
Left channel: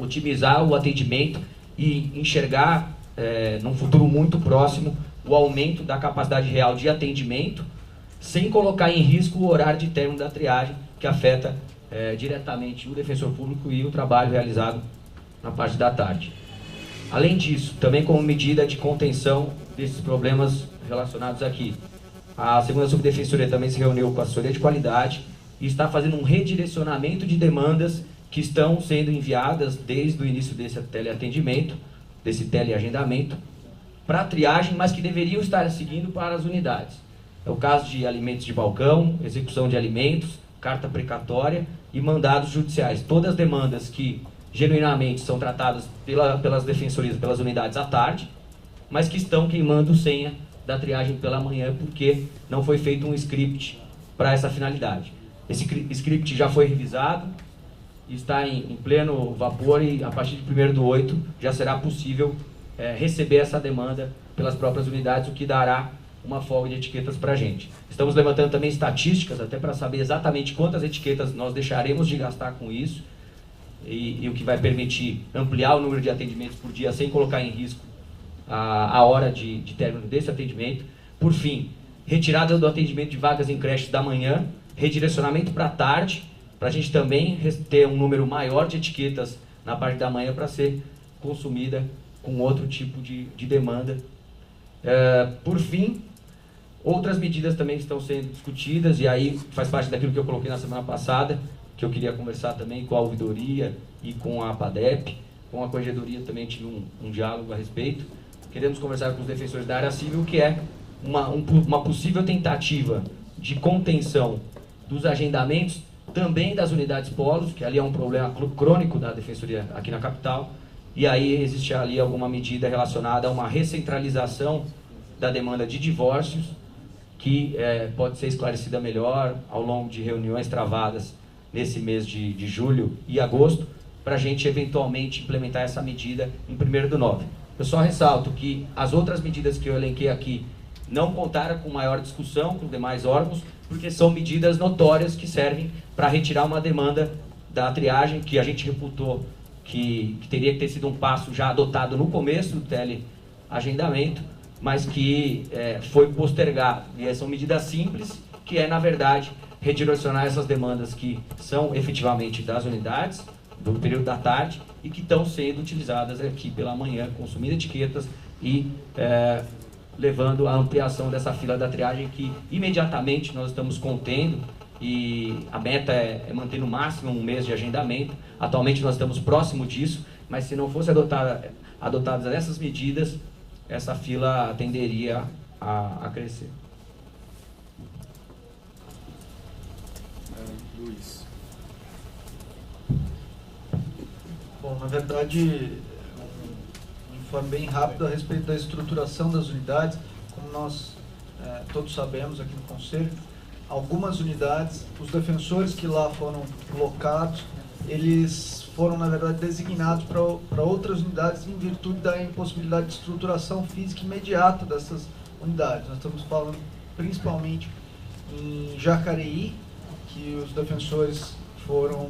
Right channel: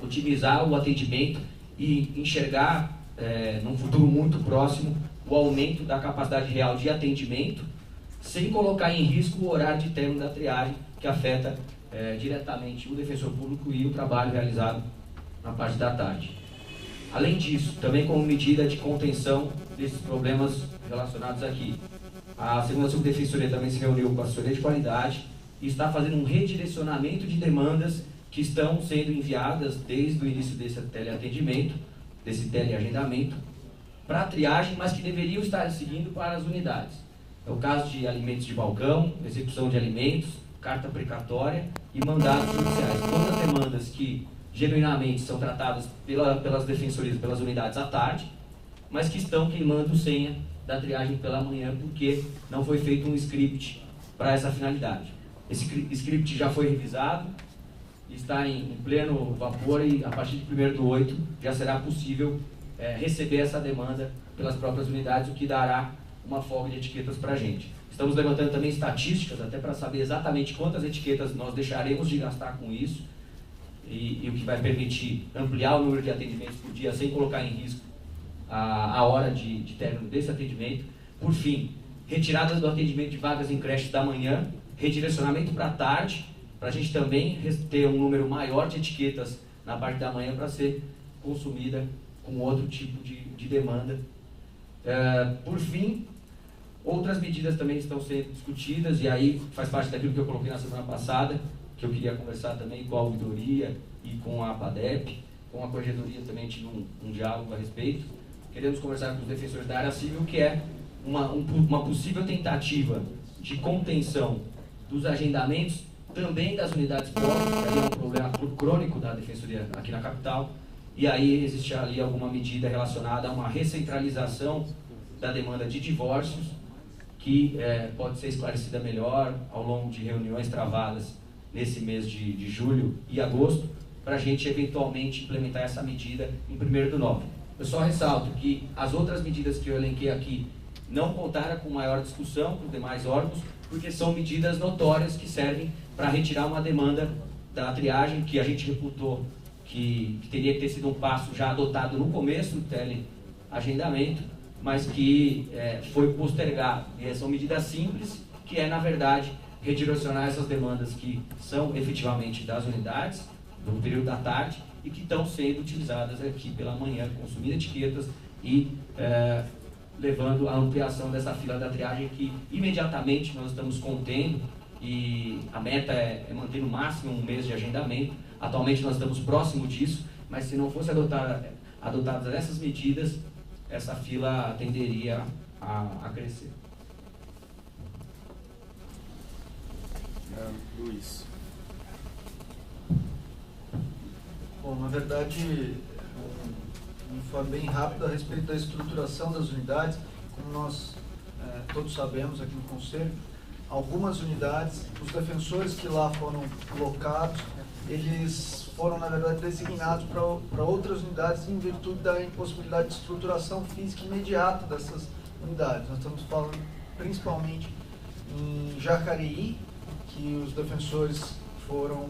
otimizar o atendimento e enxergar, num futuro muito próximo, o aumento da capacidade real de atendimento, sem colocar em risco o horário de término da triagem, que afeta diretamente o defensor público e o trabalho realizado na parte da tarde. Além disso, também como medida de contenção desses problemas relacionados aqui, a segunda subdefensoria também se reuniu com a assessoria de qualidade e está fazendo um redirecionamento de demandas que estão sendo enviadas desde o início desse teleatendimento, desse teleagendamento, para a triagem, mas que deveriam estar seguindo para as unidades. É o caso de alimentos de balcão, execução de alimentos, carta precatória e mandados judiciais. Todas as demandas que genuinamente são tratadas pelas defensorias, pelas unidades à tarde, mas que estão queimando senha da triagem pela manhã, porque não foi feito um script para essa finalidade. Esse script já foi revisado, está em pleno vapor e a partir de 1º/8 já será possível receber essa demanda pelas próprias unidades, o que dará uma folga de etiquetas para a gente. Estamos levantando também estatísticas, até para saber exatamente quantas etiquetas nós deixaremos de gastar com isso, e o que vai permitir ampliar o número de atendimentos por dia sem colocar em risco a hora de término desse atendimento. Por fim, retirada do atendimento de vagas em creches da manhã, redirecionamento para a tarde, para a gente também ter um número maior de etiquetas na parte da manhã para ser consumida com outro tipo de demanda. Por fim, outras medidas também estão sendo discutidas, e aí faz parte daquilo que eu coloquei na semana passada, que eu queria conversar também com a ouvidoria e com a APADEP, com a corregedoria também tive um diálogo a respeito. Queremos conversar com os defensores da área civil, que é uma possível tentativa de contenção dos agendamentos, também das unidades polo, que ali é um problema crônico da defensoria aqui na capital, e aí existe ali alguma medida relacionada a uma recentralização da demanda de divórcios, que pode ser esclarecida melhor ao longo de reuniões travadas nesse mês de julho e agosto, para a gente eventualmente implementar essa medida em 1º/9. Eu só ressalto que as outras medidas que eu elenquei aqui não contaram com maior discussão com os demais órgãos, porque são medidas notórias que servem para retirar uma demanda da triagem, que a gente reputou que teria que ter sido um passo já adotado no começo do teleagendamento, mas que foi postergado. E são medidas simples, que na verdade, redirecionar essas demandas que são efetivamente das unidades, do período da tarde, e que estão sendo utilizadas aqui pela manhã, consumindo etiquetas e levando à ampliação dessa fila da triagem, que imediatamente nós estamos contendo, e a meta é manter no máximo um mês de agendamento. Atualmente nós estamos próximo disso, mas se não fosse adotadas essas medidas, essa fila tenderia a crescer. Luiz. Bom, na verdade, de forma bem rápida a respeito da estruturação das unidades, como nós todos sabemos aqui no Conselho, algumas unidades, os defensores que lá foram locados, eles foram, na verdade, designados para outras unidades em virtude da impossibilidade de estruturação física imediata dessas unidades. Nós estamos falando principalmente em Jacareí, que os defensores foram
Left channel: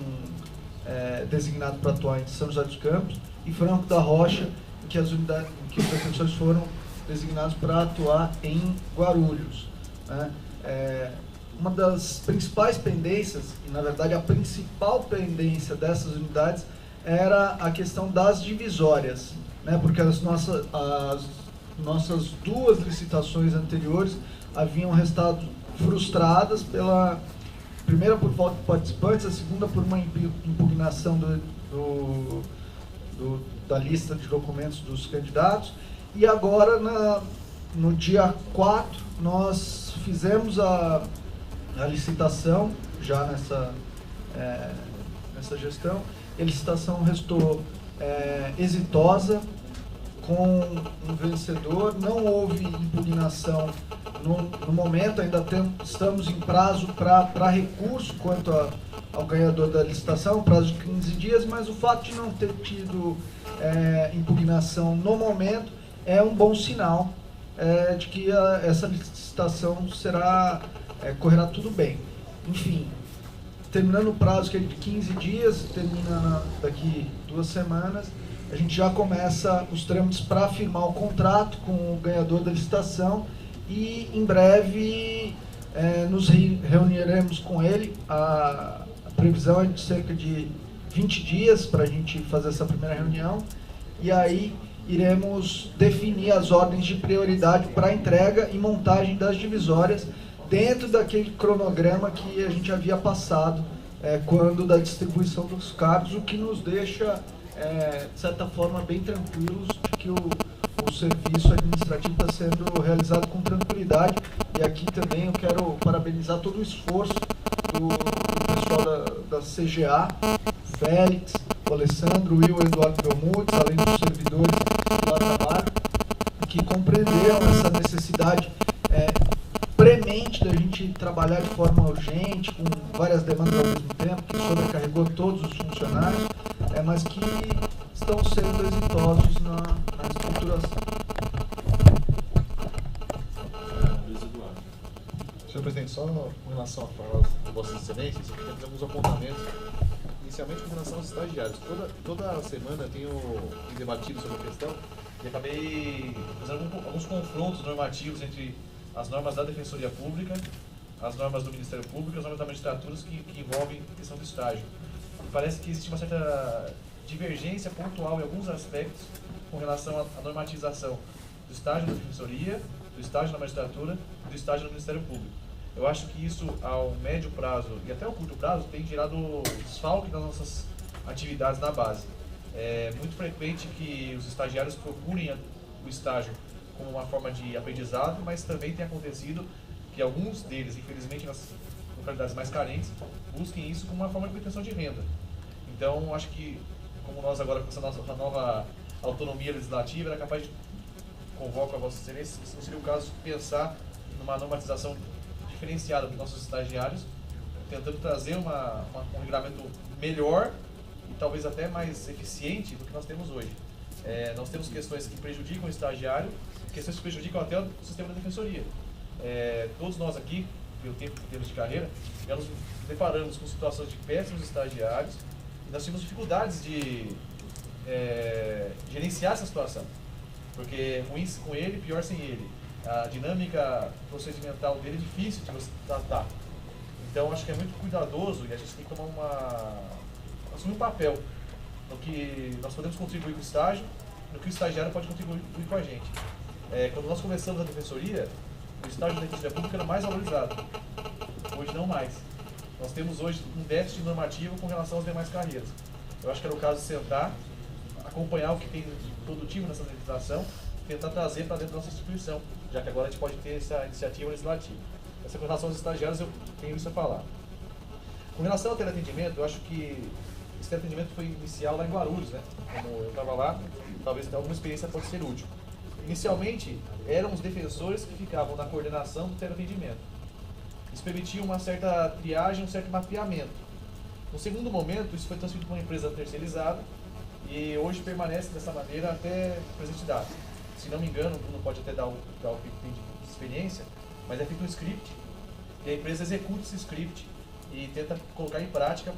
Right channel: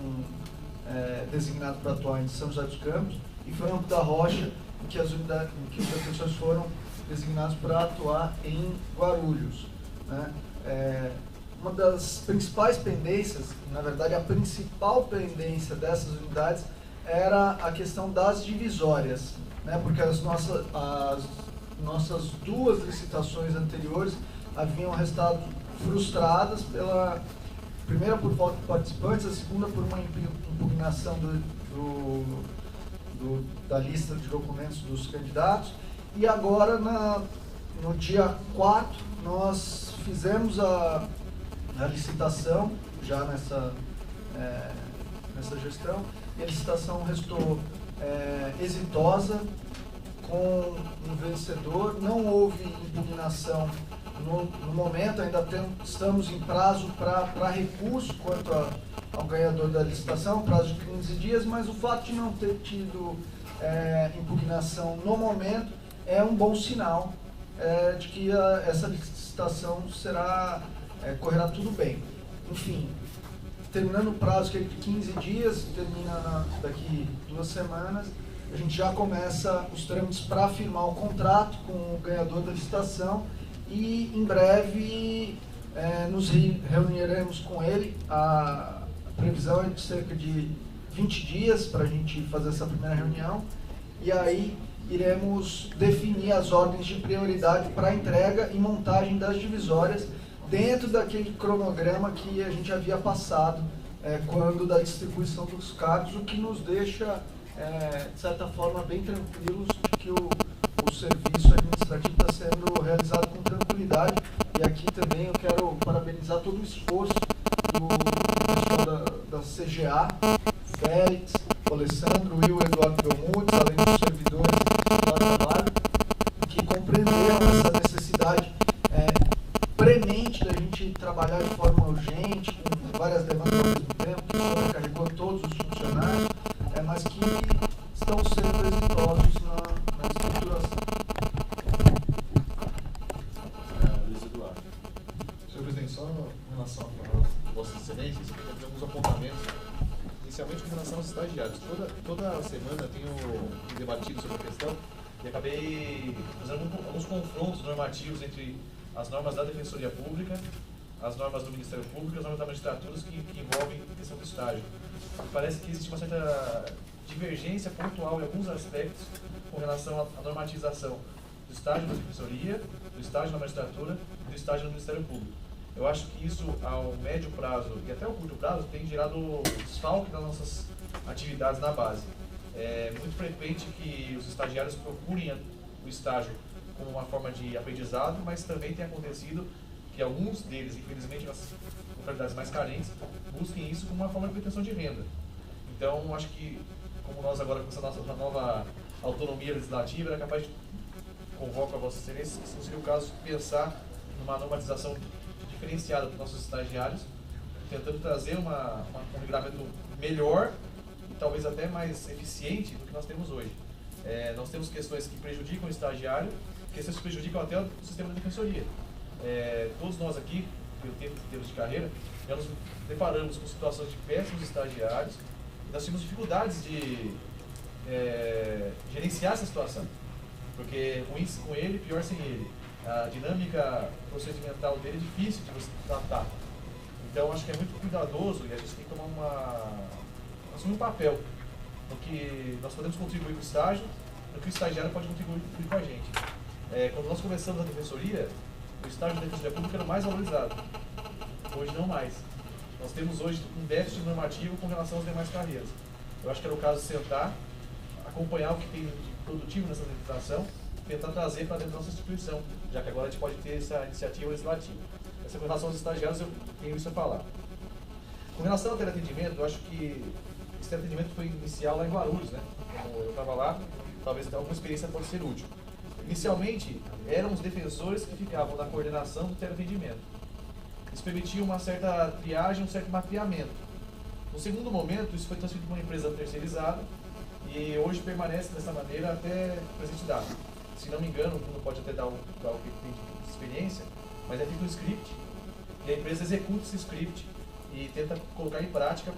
designados para atuar em São José dos Campos, e Franco da Rocha, que os defensores foram designados para atuar em Guarulhos, né? Uma das principais pendências, na verdade a principal pendência dessas unidades, era a questão das divisórias, né? Porque as nossas 2 licitações anteriores haviam restado frustradas primeira por falta de participantes, a segunda por uma impugnação da lista de documentos dos candidatos, e agora no dia 4, nós fizemos a licitação, já nessa gestão. A licitação restou exitosa, com um vencedor, não houve impugnação no momento, ainda estamos em prazo para recurso quanto ao ganhador da licitação, prazo de 15 dias, mas o fato de não ter tido impugnação no momento é um bom sinal de que essa licitação correrá tudo bem. Enfim, terminando o prazo que é de 15 dias, termina daqui 2 semanas, a gente já começa os trâmites para firmar o contrato com o ganhador da licitação e em breve nos reuniremos com ele. A previsão é de cerca de 20 dias para a gente fazer essa primeira reunião e aí iremos definir as ordens de prioridade para a entrega e montagem das divisórias dentro daquele cronograma que a gente havia passado quando da distribuição dos cargos, o que nos deixa, de certa forma, bem tranquilos de que o serviço administrativo está sendo realizado com tranquilidade. E aqui também eu quero parabenizar todo o esforço do pessoal da CGA, Félix, o Alessandro, o Will, o Eduardo Belmutes, além dos servidores do trabalho, que compreenderam essa necessidade premente da gente trabalhar de forma urgente, com várias demandas ao mesmo tempo, que sobrecarregou todos os funcionários, mas que estão sendo exitosos na estruturação. Luiz Eduardo. Senhor presidente, só com relação a Vossas Excelências, eu queria fazer alguns apontamentos, inicialmente com relação aos estagiários. Toda semana tenho debatido sobre a questão e acabei fazendo alguns confrontos normativos entre as normas da Defensoria Pública, as normas do Ministério Público e as normas da magistratura que envolvem a questão do estágio. E parece que existe uma certa divergência pontual em alguns aspectos com relação à normatização do estágio da Defensoria, do estágio na magistratura e do estágio no Ministério Público. Eu acho que isso, ao médio prazo e até ao curto prazo, tem gerado desfalque nas nossas atividades na base. É muito frequente que os estagiários procurem o estágio como uma forma de aprendizado, mas também tem acontecido que alguns deles, infelizmente nas localidades mais carentes, busquem isso como uma forma de obtenção de renda. Então, acho que, como nós agora com essa nossa nova autonomia legislativa, era capaz de convocar a Vossa Excelência, se não seria o caso de pensar numa normatização diferenciada para os nossos estagiários, tentando trazer um regulamento melhor e talvez até mais eficiente do que nós temos hoje. Nós temos questões que prejudicam o estagiário, questões que prejudicam até o sistema da defensoria. Todos nós aqui, pelo tempo que temos de carreira, já nos deparamos com situações de péssimos estagiários e nós tínhamos dificuldades de gerenciar essa situação, porque ruim com ele, pior sem ele. A dinâmica procedimental dele é difícil de você tratar. Então, acho que é muito cuidadoso e a gente tem que assumir um papel no que nós podemos contribuir com o estágio, no que o estagiário pode contribuir com a gente. Quando nós começamos a defensoria, o estágio da Defensoria Pública era mais valorizado. Hoje não mais. Nós temos hoje um déficit normativo com relação às demais carreiras. Eu acho que era o caso de sentar, acompanhar o que tem de produtivo nessa legislação, tentar trazer para dentro da nossa instituição, já que agora a gente pode ter essa iniciativa legislativa. Essa com relação aos estagiários, eu tenho isso a falar. Com relação ao teleatendimento, eu acho que esse teleatendimento foi inicial lá em Guarulhos, né? Como eu estava lá, talvez alguma experiência pode ser útil. Inicialmente, eram os defensores que ficavam na coordenação do teleatendimento. Isso permitia uma certa triagem, um certo mapeamento. No segundo momento, isso foi transferido para uma empresa terceirizada e hoje permanece dessa maneira até presente data. Se não me engano, o Bruno pode até dar o que tem de experiência, mas é feito um script e a empresa executa esse script e tenta colocar em prática,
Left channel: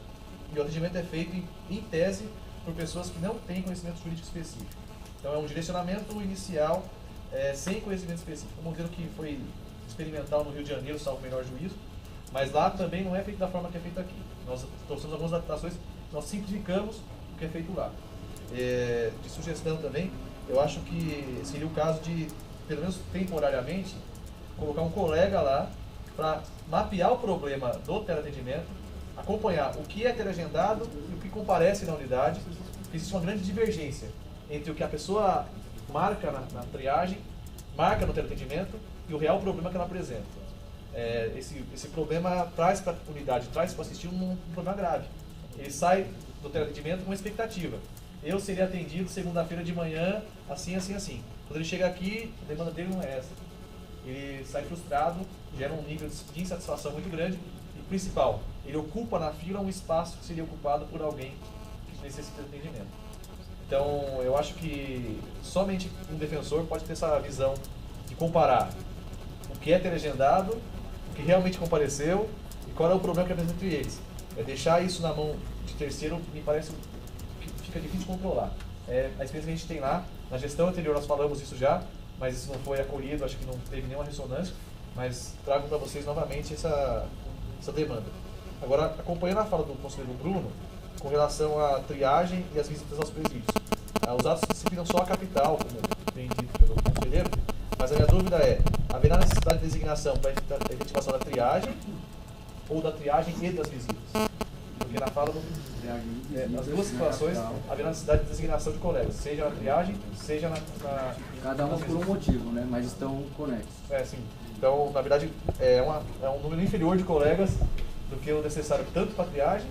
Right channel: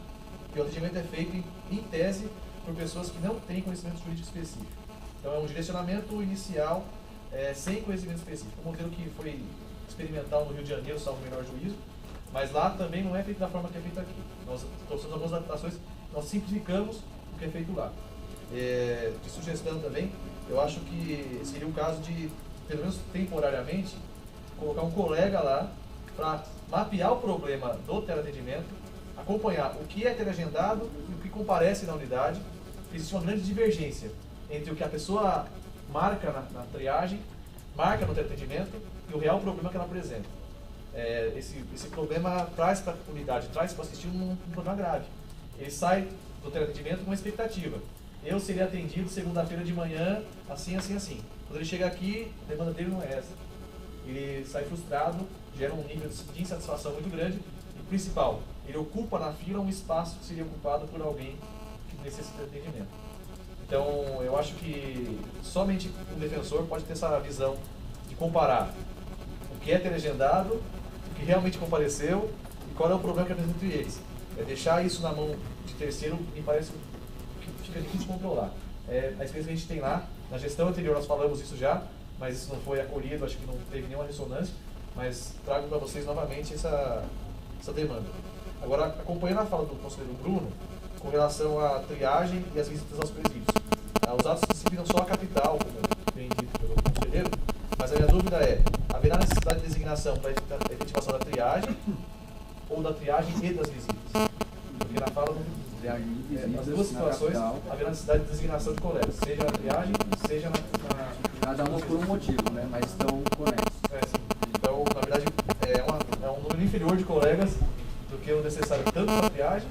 e o atendimento é feito em tese por pessoas que não têm conhecimento jurídico específico. Então é um direcionamento inicial sem conhecimento específico. Um modelo que foi experimental no Rio de Janeiro, salvo o menor juízo, mas lá também não é feito da forma que é feito aqui. Nós trouxemos algumas adaptações, nós simplificamos o que é feito lá. De sugestão também, eu acho que seria o caso de, pelo menos temporariamente, colocar um colega lá para mapear o problema do teleatendimento, acompanhar o que é teleagendado e o que comparece na unidade, porque existe uma grande divergência entre o que a pessoa marca na triagem marca no teleatendimento e o real problema que ela apresenta. Esse problema traz para a unidade, traz para assistir um problema grave. Ele sai do teleatendimento com uma expectativa. Eu seria atendido segunda-feira de manhã, assim, assim, assim. Quando ele chega aqui, a demanda dele não é essa. Ele sai frustrado, gera um nível de insatisfação muito grande. E principal, ele ocupa na fila um espaço que seria ocupado por alguém que necessita de atendimento. Então, eu acho que somente um defensor pode ter essa visão de comparar o que é teleagendado, o que realmente compareceu e qual é o problema que apresenta entre eles. Deixar isso na mão de terceiro me parece que fica difícil controlar. A experiência que a gente tem lá, na gestão anterior nós falamos isso já, mas isso não foi acolhido, acho que não teve nenhuma ressonância, mas trago para vocês novamente essa demanda. Agora, acompanhando a fala do conselheiro Bruno, com relação à triagem e às visitas aos presídios. Os atos disciplinam só a capital, como bem dito pelo conselheiro, mas a minha dúvida é, haverá necessidade de designação para a efetivação da triagem ou da triagem e das visitas? Porque na fala nas duas situações haverá necessidade de designação de colegas, seja na triagem, seja na cada um por um motivo, né? Mas estão conexos. Sim. Então, na verdade, é um número inferior de colegas do que o necessário tanto para a triagem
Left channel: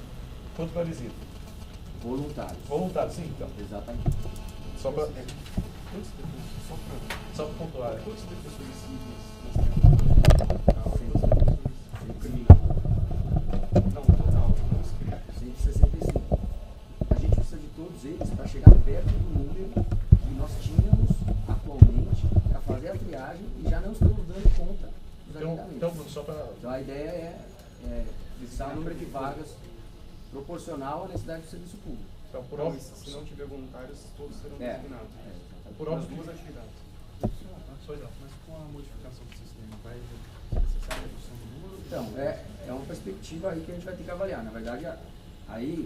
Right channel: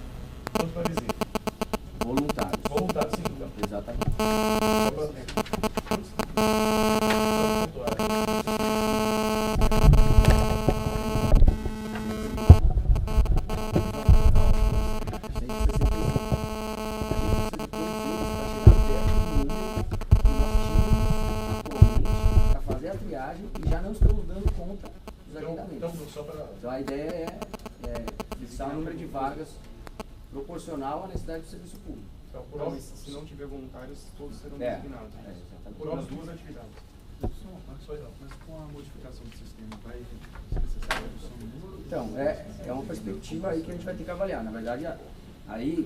quanto para a visita. Voluntários. Voluntários, sim, então. Exatamente. Só para pontuar aqui. E já não estamos dando conta dos agendamentos. Então a ideia é fixar o número de vagas proporcional à necessidade do serviço público. Então, se não tiver voluntários, todos serão designados. Por as duas atividades. Mas com a modificação do sistema, vai ser necessária a redução do número? Então, é uma perspectiva aí que a gente vai ter que avaliar. Na verdade, aí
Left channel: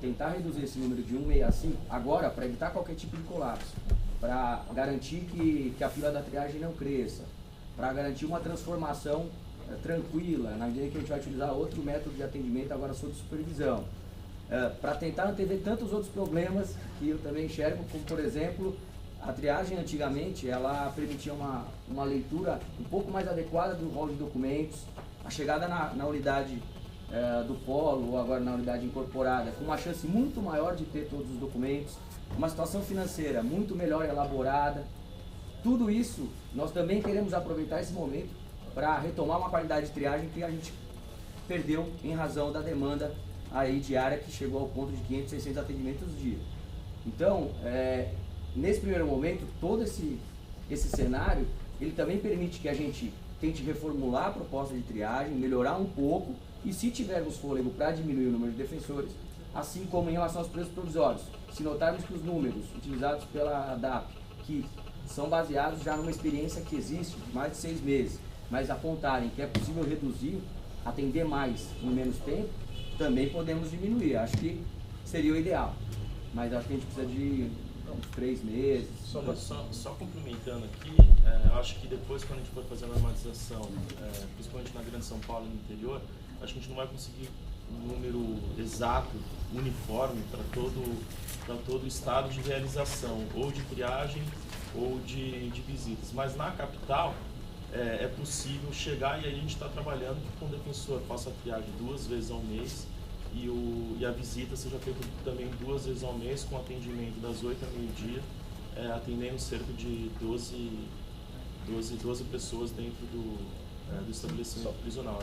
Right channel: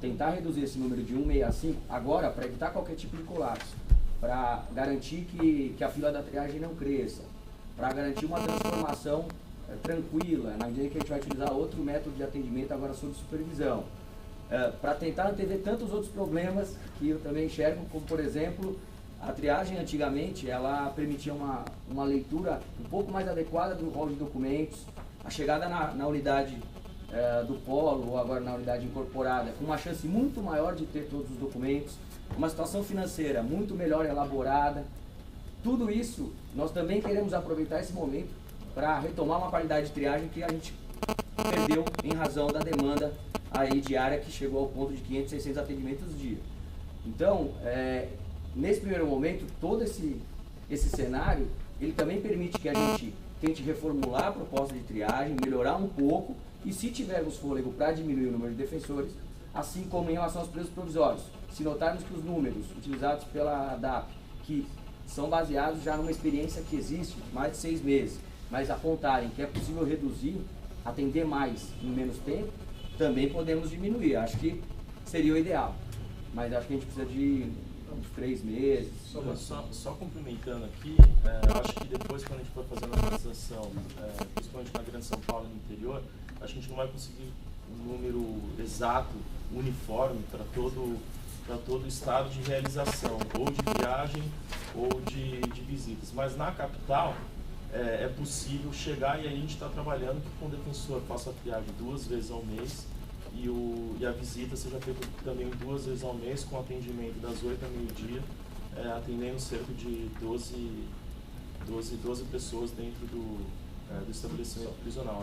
tentar reduzir esse número de 165 agora para evitar qualquer tipo de colapso, para garantir que a fila da triagem não cresça, para garantir uma transformação tranquila, na medida que a gente vai utilizar outro método de atendimento agora sob supervisão, para tentar antever tantos outros problemas que eu também enxergo, como por exemplo, a triagem antigamente ela permitia uma leitura um pouco mais adequada do rol de documentos, a chegada na unidade do polo ou agora na unidade incorporada, com uma chance muito maior de ter todos os documentos, uma situação financeira muito melhor elaborada. Tudo isso, nós também queremos aproveitar esse momento para retomar uma qualidade de triagem que a gente perdeu em razão da demanda aí diária que chegou ao ponto de 500, 600 atendimentos dia. Então, nesse primeiro momento, todo esse cenário, ele também permite que a gente tente reformular a proposta de triagem, melhorar um pouco e se tivermos fôlego para diminuir o número de defensores, assim como em relação aos presos provisórios. Se notarmos que os números utilizados pela ADAP, que são baseados já numa experiência que existe de mais de 6 meses, mas apontarem que é possível reduzir, atender mais em menos tempo, também podemos diminuir. Acho que seria o ideal, mas acho que a gente precisa de uns 3 meses. Só complementando aqui, acho que depois quando a gente for fazer a normalização, principalmente na Grande São Paulo e no interior, acho que a gente não vai conseguir um número exato, uniforme para todo o estado de realização, ou de viagem ou de visitas. Mas na capital é possível chegar, e aí a gente está trabalhando que o defensor faça a triagem 2 vezes ao mês e a visita seja feita também 2 vezes ao mês, com atendimento das 8 ao meio-dia, atendendo cerca de 12 pessoas dentro do estabelecimento prisional.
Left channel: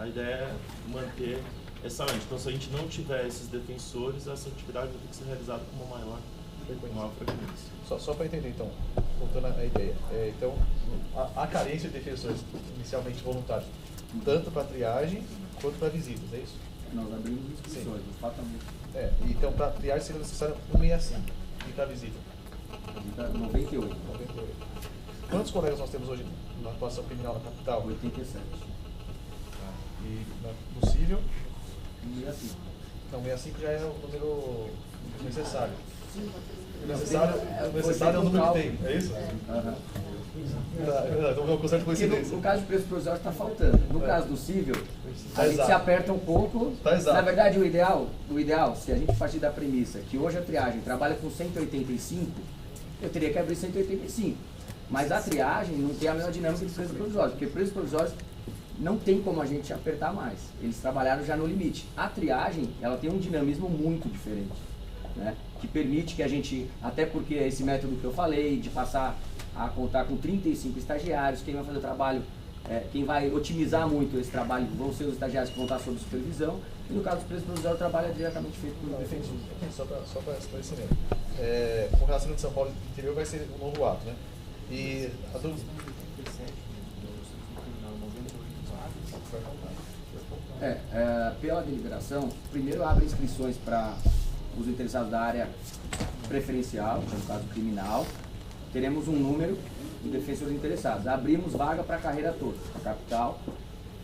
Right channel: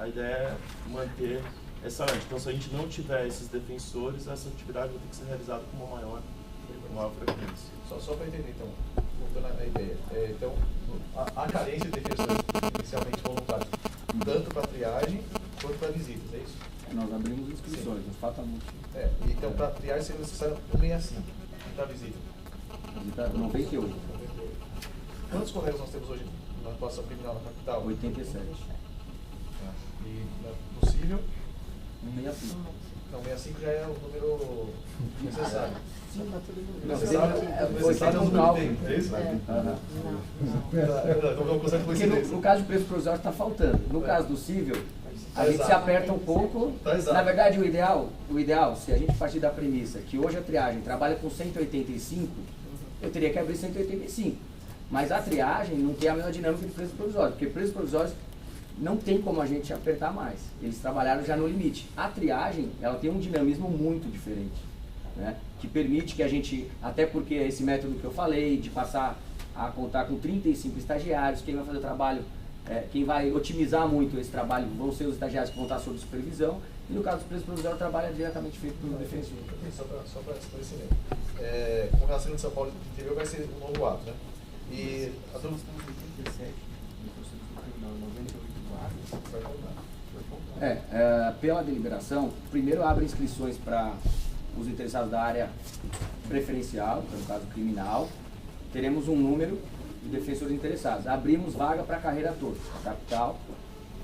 A ideia é manter essa ante. Então, se a gente não tiver esses defensores, essa atividade vai ter que ser realizada com uma maior frequência. Só para entender, então, voltando à ideia. Então, a carência de defensores inicialmente voluntários, tanto para triagem quanto para visitas, é isso? Nós abrimos inscrições, mas falta muito. Então, para triagem seria necessário 165 e para visita? Visita 98. Quantos colegas nós temos hoje na atuação criminal na capital? 87. E no civil? 165. Então, 65 já é o número necessário. Necessário é o número que tem, é isso? Então, vamos consertar com no caso de preço provisório está faltando. No caso do civil, a gente exato. se aperta um pouco. Na verdade, o ideal, se a gente partir da premissa que hoje a triagem trabalha com 185, eu teria que abrir 185. Mas a triagem não tem a mesma dinâmica de presos provisórios, porque presos provisórios não tem como a gente apertar mais. Eles trabalharam já no limite. A triagem, ela tem um dinamismo muito diferente, né? Que permite que a gente, até porque esse método que eu falei, de passar a contar com 35 estagiários, quem vai fazer o trabalho, quem vai otimizar muito esse trabalho vão ser os estagiários que vão estar sob supervisão, e no caso do preso provisório, o trabalho é diretamente feito pelo defensor. Só para esclarecimento. Com relação ao de São Paulo do interior vai ser um novo ato, né? E a dúvida... Pela deliberação, primeiro abre inscrições para os interessados da área preferencial, que é no caso criminal. Teremos um número de defensores interessados. Abrimos vaga para a carreira toda, a capital.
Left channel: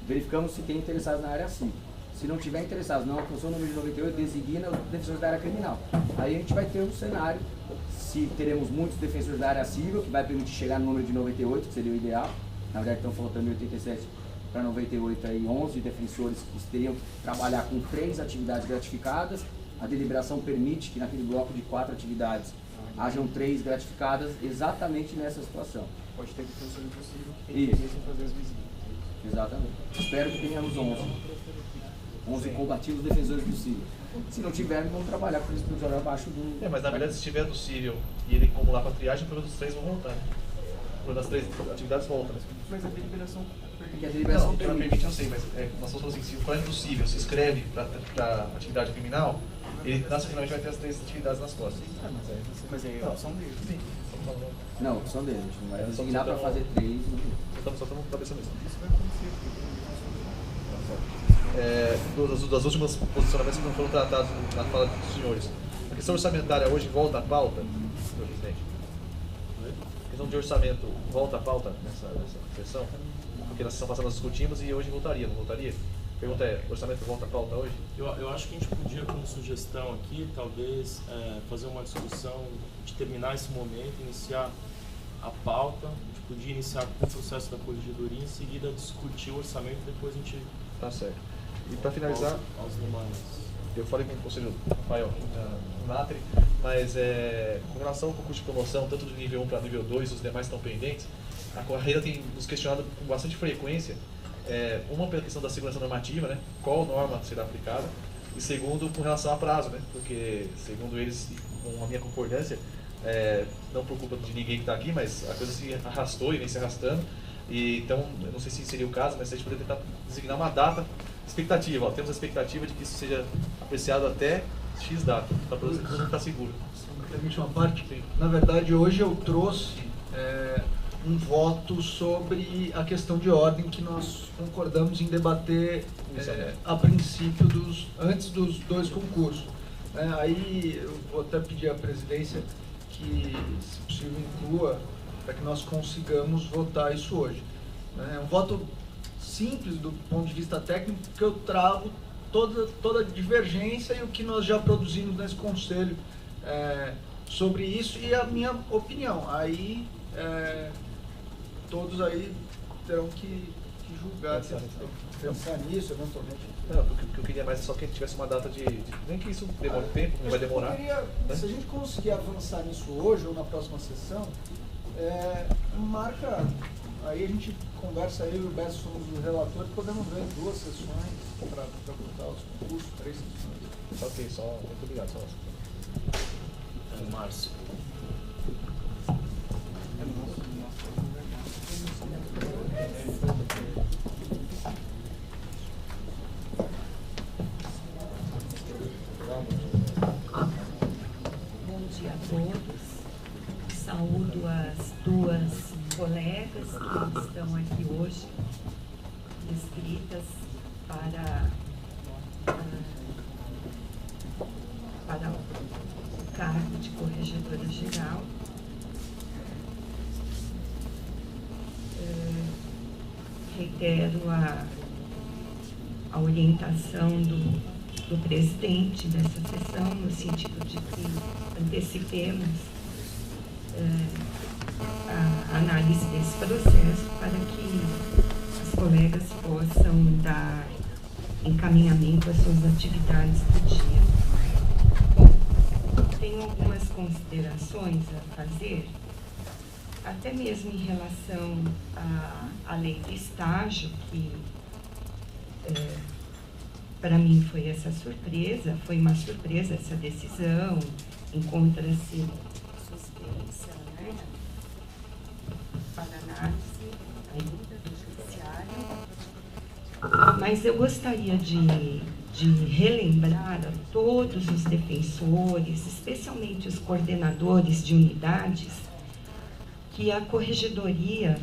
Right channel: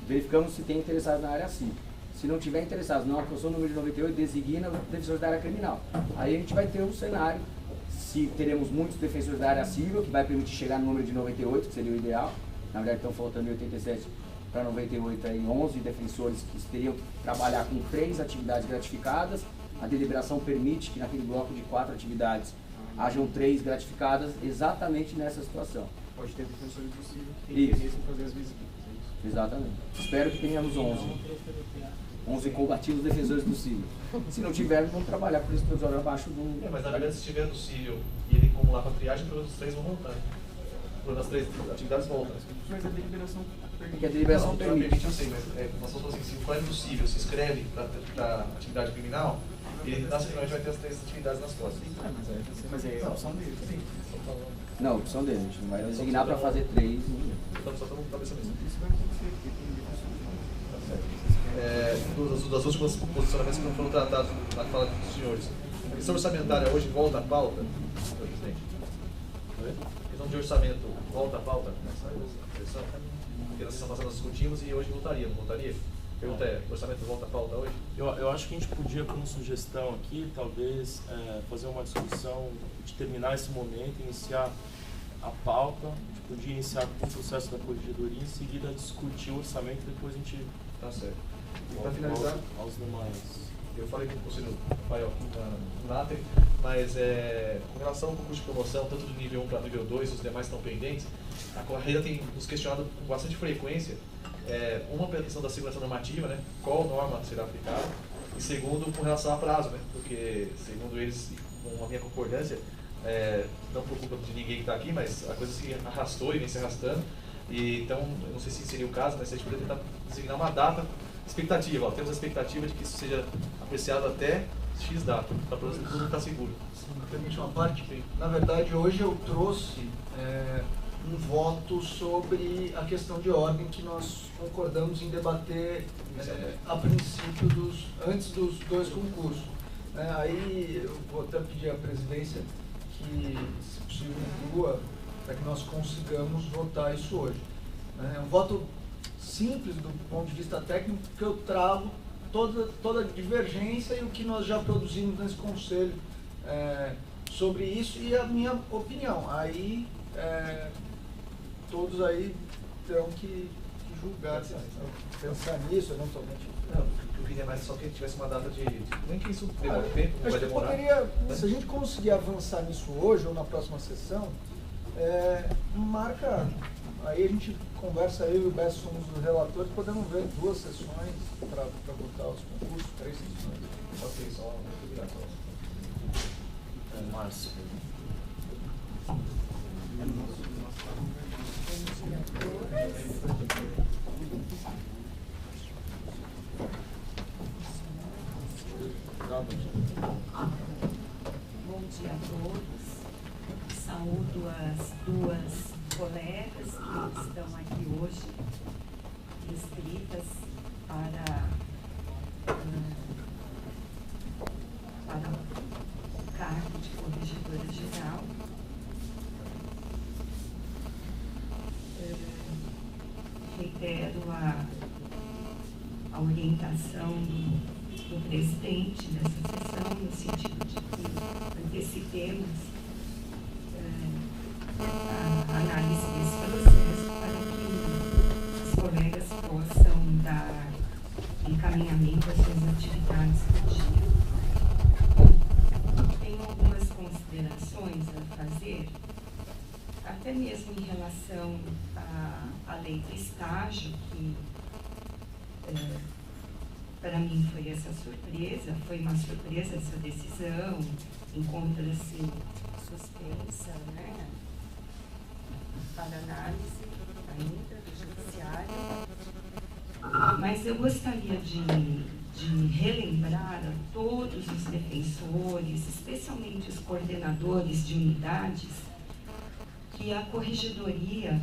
Verificamos se tem interessados na área civil. Se não tiver interessados, não alcançou o número de 98, designa os defensores da área criminal. Aí a gente vai ter um cenário, se teremos muitos defensores da área civil, que vai permitir chegar no número de 98, que seria o ideal. Na verdade, estão faltando 87 para 98 aí, 11 defensores que teriam que trabalhar com 3 atividades gratificadas. A deliberação permite que naquele bloco de 4 atividades hajam 3 gratificadas exatamente nessa situação. Pode ter defensores possível que tem interesse em fazer as visitas. Exatamente. Espero que tenhamos 11 combativos defensores do Círio. Se não tivermos, vamos trabalhar por isso provisório abaixo do... mas na verdade, se estiver no Círio e ele acumular para triagem, pelo menos os 3 vão voltar. Pelo menos as 3 atividades voltam. Mas a deliberação Porque a deliberação permite. Eu sei, mas nós estamos assim, se o colega do Círio se inscreve para atividade criminal, ele nacionalmente vai ter as 3 atividades nas costas. Mas é a opção dele. Sim. Não, opção dele. A gente não vai designar para fazer 3. Só estamos com cabeça mesmo. Isso vai acontecer aqui. Das últimas posicionamentos que não foram tratados na fala dos senhores. A questão orçamentária hoje volta à pauta, senhor presidente? A questão de orçamento volta à pauta nessa sessão? Porque na sessão passada nós discutimos e hoje voltaria, não voltaria? A pergunta é, o orçamento volta à pauta hoje? Eu acho que a gente podia, como sugestão aqui, talvez fazer uma discussão de terminar esse momento, iniciar a pauta, a gente podia iniciar com o processo da corregedoria, em seguida discutir o orçamento e depois a gente... Tá certo. E para finalizar, aos demais. Eu falei com o conselheiro Rafael aqui na Natri, mas com relação ao concurso de promoção, tanto do nível 1 para nível 2, os demais estão pendentes, a carreira tem nos questionado com bastante frequência, uma pela questão da segurança normativa, né, qual norma será aplicada, e segundo, com relação a prazo, né, porque segundo eles, com a minha concordância, não por culpa de ninguém que está aqui, mas a coisa se arrastou e vem se arrastando, e então, eu não sei se seria o caso, mas a gente poderia tentar designar uma data expectativa, temos a expectativa de que isso seja apreciado até X data, para todo mundo estar seguro. Permite uma parte? Sim. Na verdade, hoje eu trouxe um voto sobre a questão de ordem que nós concordamos em debater a princípio, antes dos 2 concursos. Aí eu vou até pedir à presidência que, se possível, inclua para que nós consigamos votar isso hoje. É um voto simples do ponto de vista técnico, porque eu trago toda a divergência e o que nós já produzimos nesse conselho sobre isso e a minha opinião. Aí todos aí terão que julgar. Pensar nisso, eventualmente. Não, o que eu queria mais é só que a gente tivesse uma data de nem que isso demore tempo, não vai demorar. Se a gente conseguir avançar nisso hoje ou na próxima sessão, marca, aí a gente conversa, eu e o Beto somos os relatores, podemos ver 2 sessões para votar os concursos, 3 sessões. Ok, só muito obrigado. Márcio. Bom dia a todos. Saúdo as 2 colegas que estão aqui hoje, inscritas para o cargo de corregedora geral. Reitero a orientação do presidente dessa sessão, no sentido de que antecipemos a análise desse processo para que as colegas possam dar encaminhamento às suas atividades do dia. Bom, tenho algumas considerações a fazer. até mesmo em relação à lei do estágio, que para mim foi essa surpresa, foi uma surpresa essa decisão, encontra-se suspensa, né, para análise ainda do judiciário, mas eu gostaria de relembrar a todos os defensores, especialmente os coordenadores de unidades, que a Corregedoria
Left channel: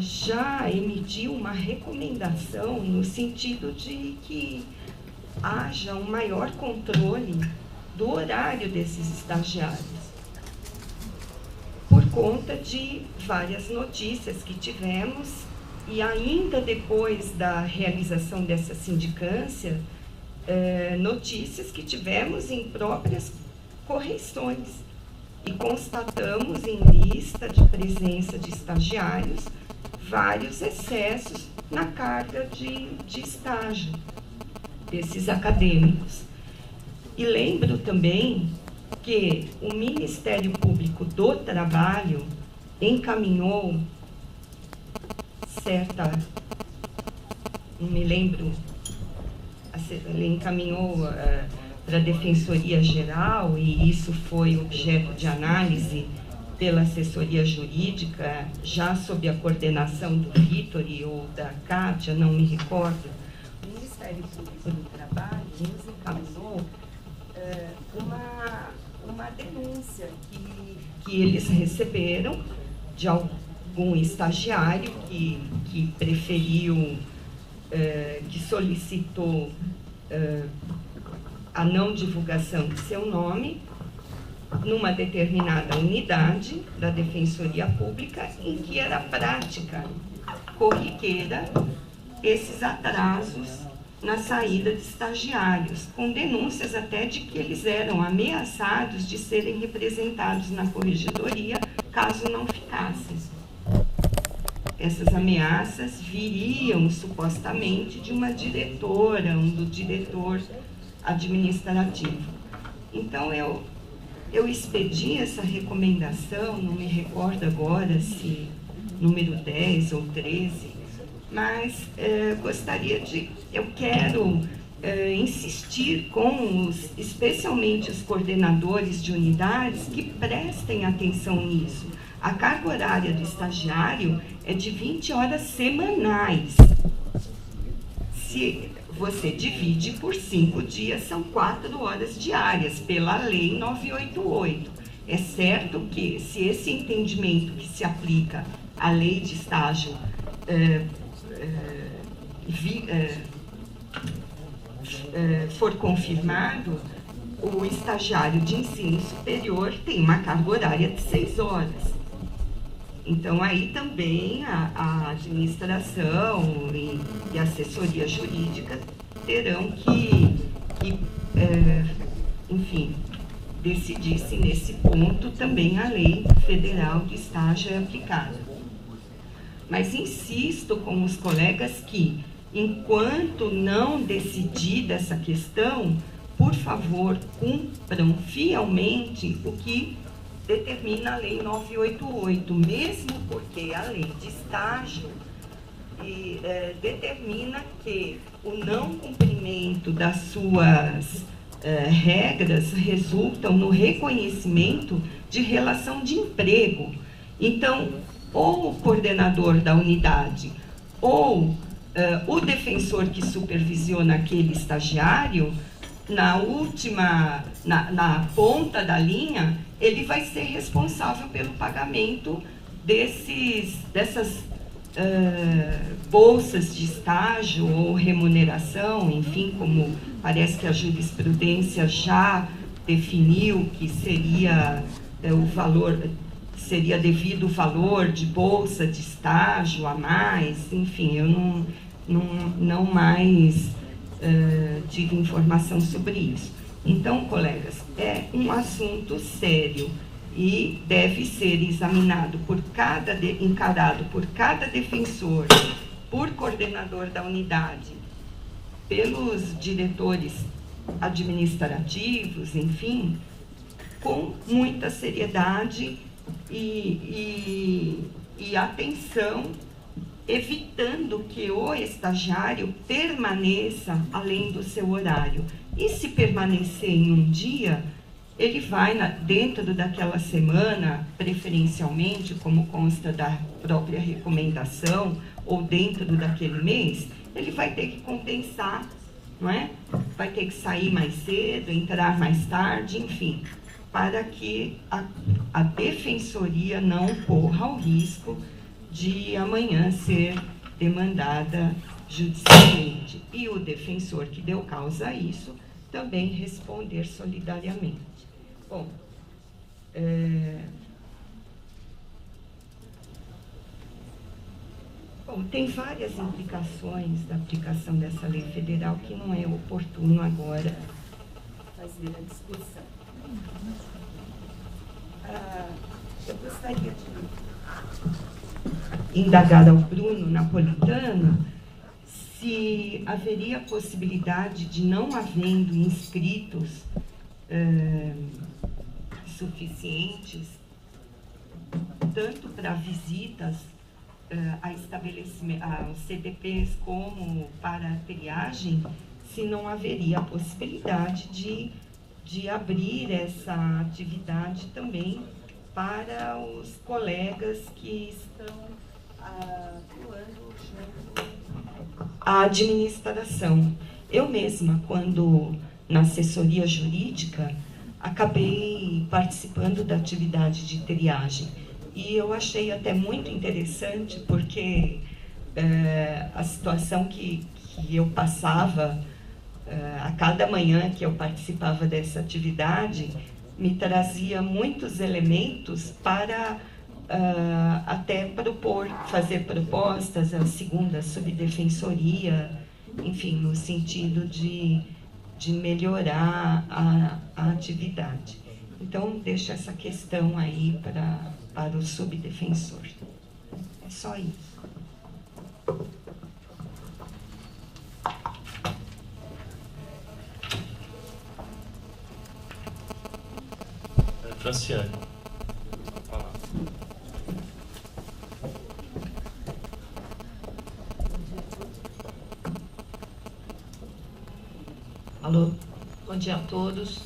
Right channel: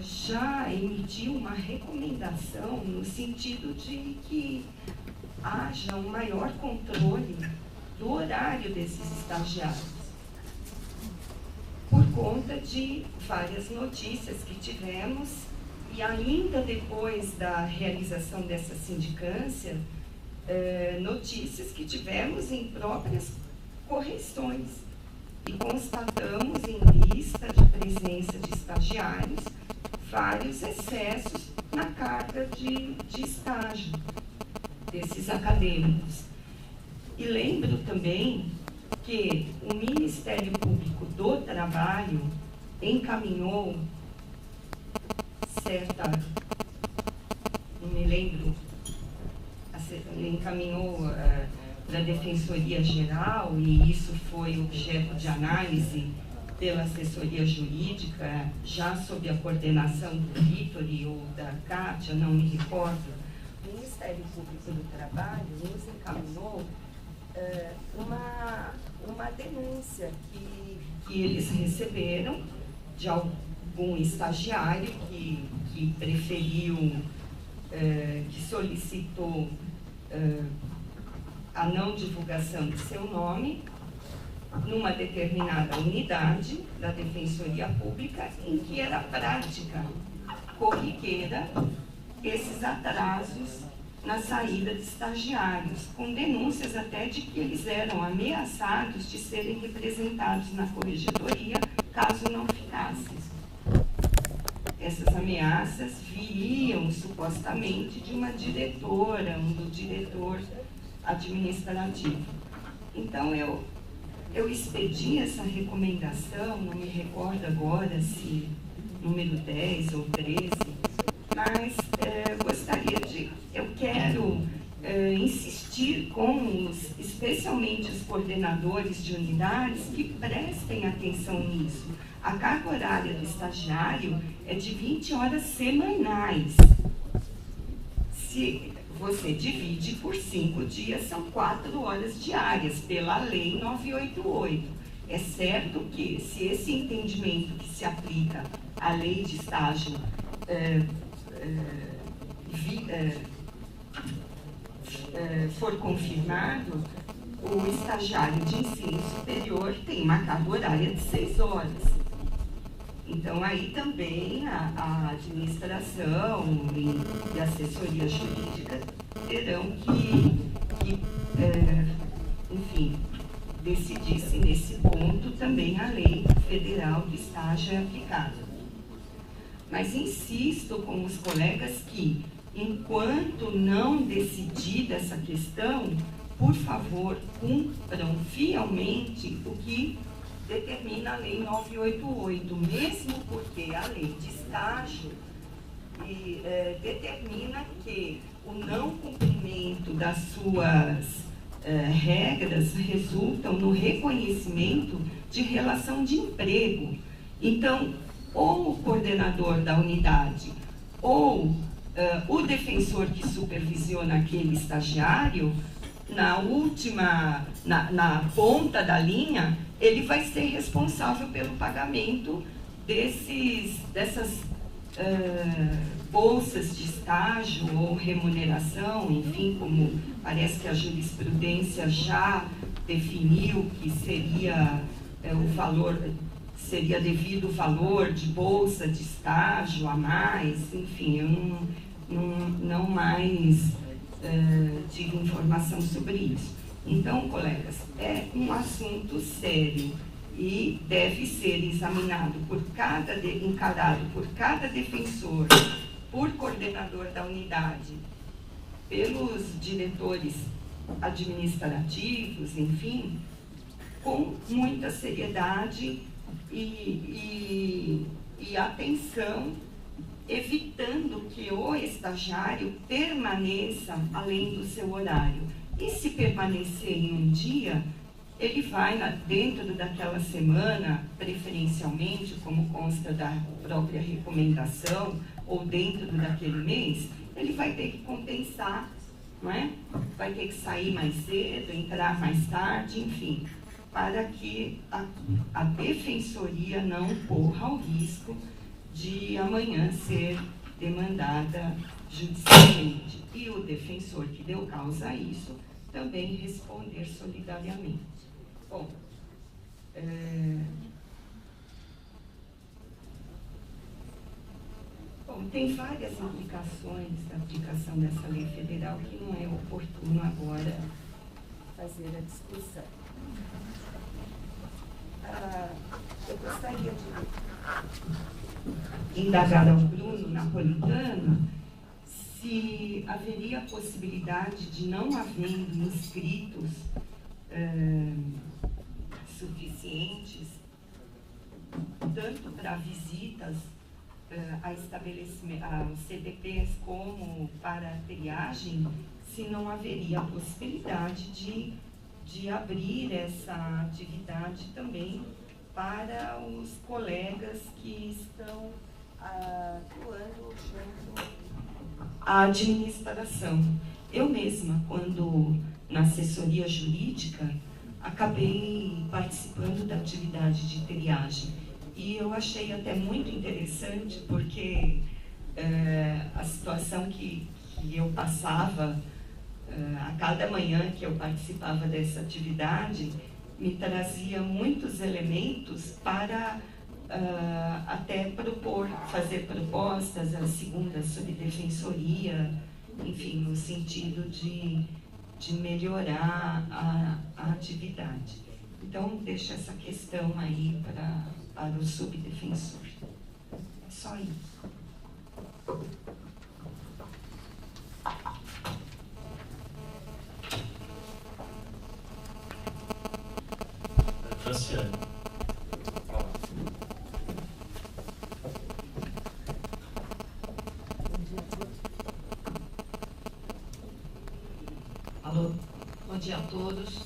já emitiu uma recomendação no sentido de que haja um maior controle do horário desses estagiários, por conta de várias notícias que tivemos e ainda depois da realização dessa sindicância, notícias que tivemos em próprias correições e constatamos em lista de presença de estagiários vários excessos na carga de estágio desses acadêmicos. E lembro também que o Ministério Público do Trabalho encaminhou não me lembro, ele encaminhou para a Defensoria Geral, e isso foi objeto de análise pela assessoria jurídica, já sob a coordenação do Vitori ou da Kátia, não me recordo. O Ministério Público do Trabalho nos encaminhou uma denúncia que eles receberam de algum estagiário que preferiu, que solicitou a não divulgação de seu nome numa determinada unidade da Defensoria Pública, em que era prática corriqueira esses atrasos na saída de estagiários, com denúncias até de que eles eram ameaçados de serem representados na Corregedoria caso não ficassem. Essas ameaças viriam supostamente de uma diretora, do diretor administrativo. Então eu expedi essa recomendação, não me recordo agora se número 10 ou 13, mas eu quero insistir com especialmente os coordenadores de unidades, que prestem atenção nisso. A carga horária do estagiário é de 20 horas semanais. Se você divide por 5 dias, são 4 horas diárias, pela Lei 988. É certo que, se esse entendimento que se aplica à lei de estágio for confirmado, o estagiário de ensino superior tem uma carga horária de 6 horas. Então, aí também a administração e a assessoria jurídica terão que enfim, decidir se nesse ponto também a lei federal de estágio é aplicada. Mas insisto com os colegas que, enquanto não decidir essa questão, por favor, cumpram fielmente o que determina a Lei 988, mesmo porque a lei de estágio determina que o não cumprimento das suas regras resultam no reconhecimento de relação de emprego. Então, ou o coordenador da unidade ou o defensor que supervisiona aquele estagiário, na ponta da linha, ele vai ser responsável pelo pagamento dessas bolsas de estágio ou remuneração, enfim, como parece que a jurisprudência já definiu que seria o valor, seria devido o valor de bolsa de estágio a mais, enfim, eu não mais tive informação sobre isso. Então, colegas, é um assunto sério e deve ser examinado encarado por cada defensor, por coordenador da unidade, pelos diretores administrativos, enfim, com muita seriedade e de atenção, evitando que o estagiário permaneça além do seu horário. E se permanecer em um dia, ele vai dentro daquela semana, preferencialmente, como consta da própria recomendação, ou dentro daquele mês, ele vai ter que compensar, não é? Vai ter que sair mais cedo, entrar mais tarde, enfim, para que a defensoria não corra o risco de amanhã ser demandada judicialmente. E o defensor que deu causa a isso também responder solidariamente. Bom, tem várias implicações da aplicação dessa lei federal que não é oportuno agora fazer a discussão. Eu gostaria de indagar ao Bruno Napolitano se haveria possibilidade de, não havendo inscritos suficientes, tanto para visitas a CDPs como para a triagem, se não haveria possibilidade de abrir essa atividade também para os colegas que estão atuando junto à administração. Eu mesma, quando na assessoria jurídica, acabei participando da atividade de triagem. E eu achei até muito interessante, porque a situação que eu passava a cada manhã que eu participava dessa atividade me trazia muitos elementos para até fazer propostas à segunda subdefensoria, enfim, no sentido de melhorar a atividade. Então, deixo essa questão aí para o subdefensor. É só isso. Franciane. Alô, bom dia a todos.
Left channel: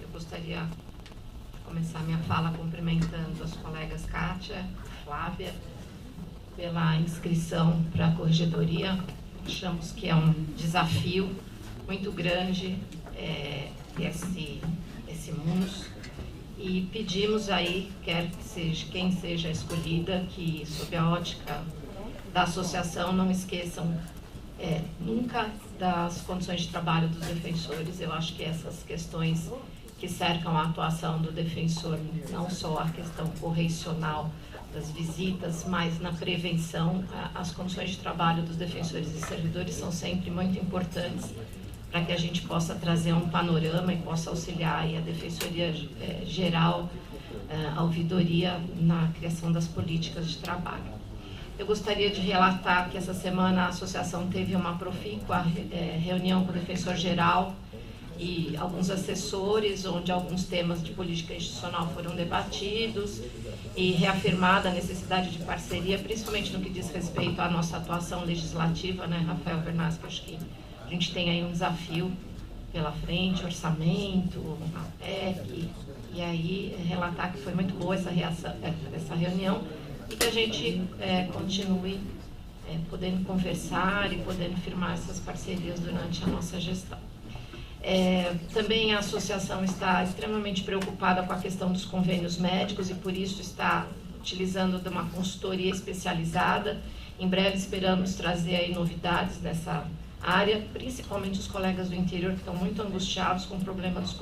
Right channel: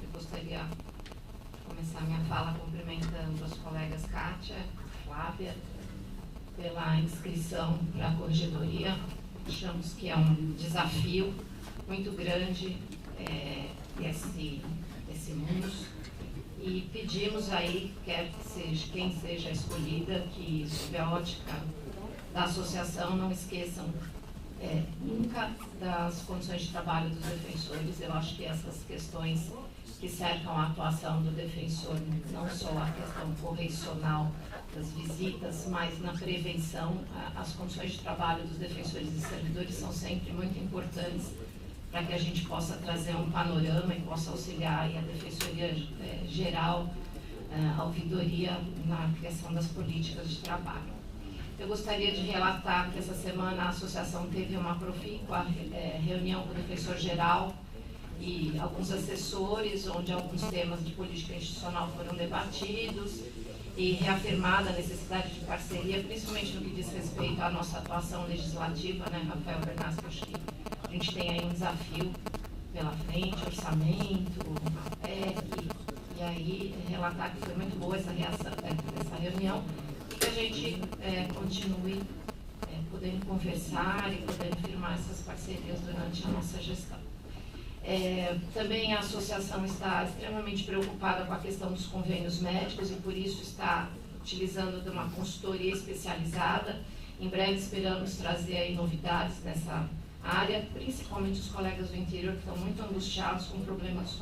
Eu gostaria de começar minha fala cumprimentando as colegas Kátia e Flávia pela inscrição para a corregedoria. Achamos que é um desafio muito grande esse MUNS, e pedimos aí, quer que seja quem seja escolhida, que sob a ótica da associação não esqueçam nunca das condições de trabalho dos defensores. Eu acho que essas questões que cercam a atuação do defensor, não só a questão correicional das visitas, mas na prevenção, as condições de trabalho dos defensores e servidores são sempre muito importantes para que a gente possa trazer um panorama e possa auxiliar aí a Defensoria Geral, a ouvidoria na criação das políticas de trabalho. Eu gostaria de relatar que essa semana a associação teve uma profícua reunião com o Defensor Geral e alguns assessores, onde alguns temas de política institucional foram debatidos e reafirmada a necessidade de parceria, principalmente no que diz respeito à nossa atuação legislativa, né, Rafael Bernassi? Acho que a gente tem aí um desafio pela frente, orçamento, a PEC, e aí relatar que foi muito boa essa reunião, e que a gente continue podendo conversar e podendo firmar essas parcerias durante a nossa gestão. Também a associação está extremamente preocupada com a questão dos convênios médicos e por isso está utilizando de uma consultoria especializada. Em breve esperamos trazer aí novidades nessa área, principalmente os colegas do interior que estão muito angustiados com o problema dos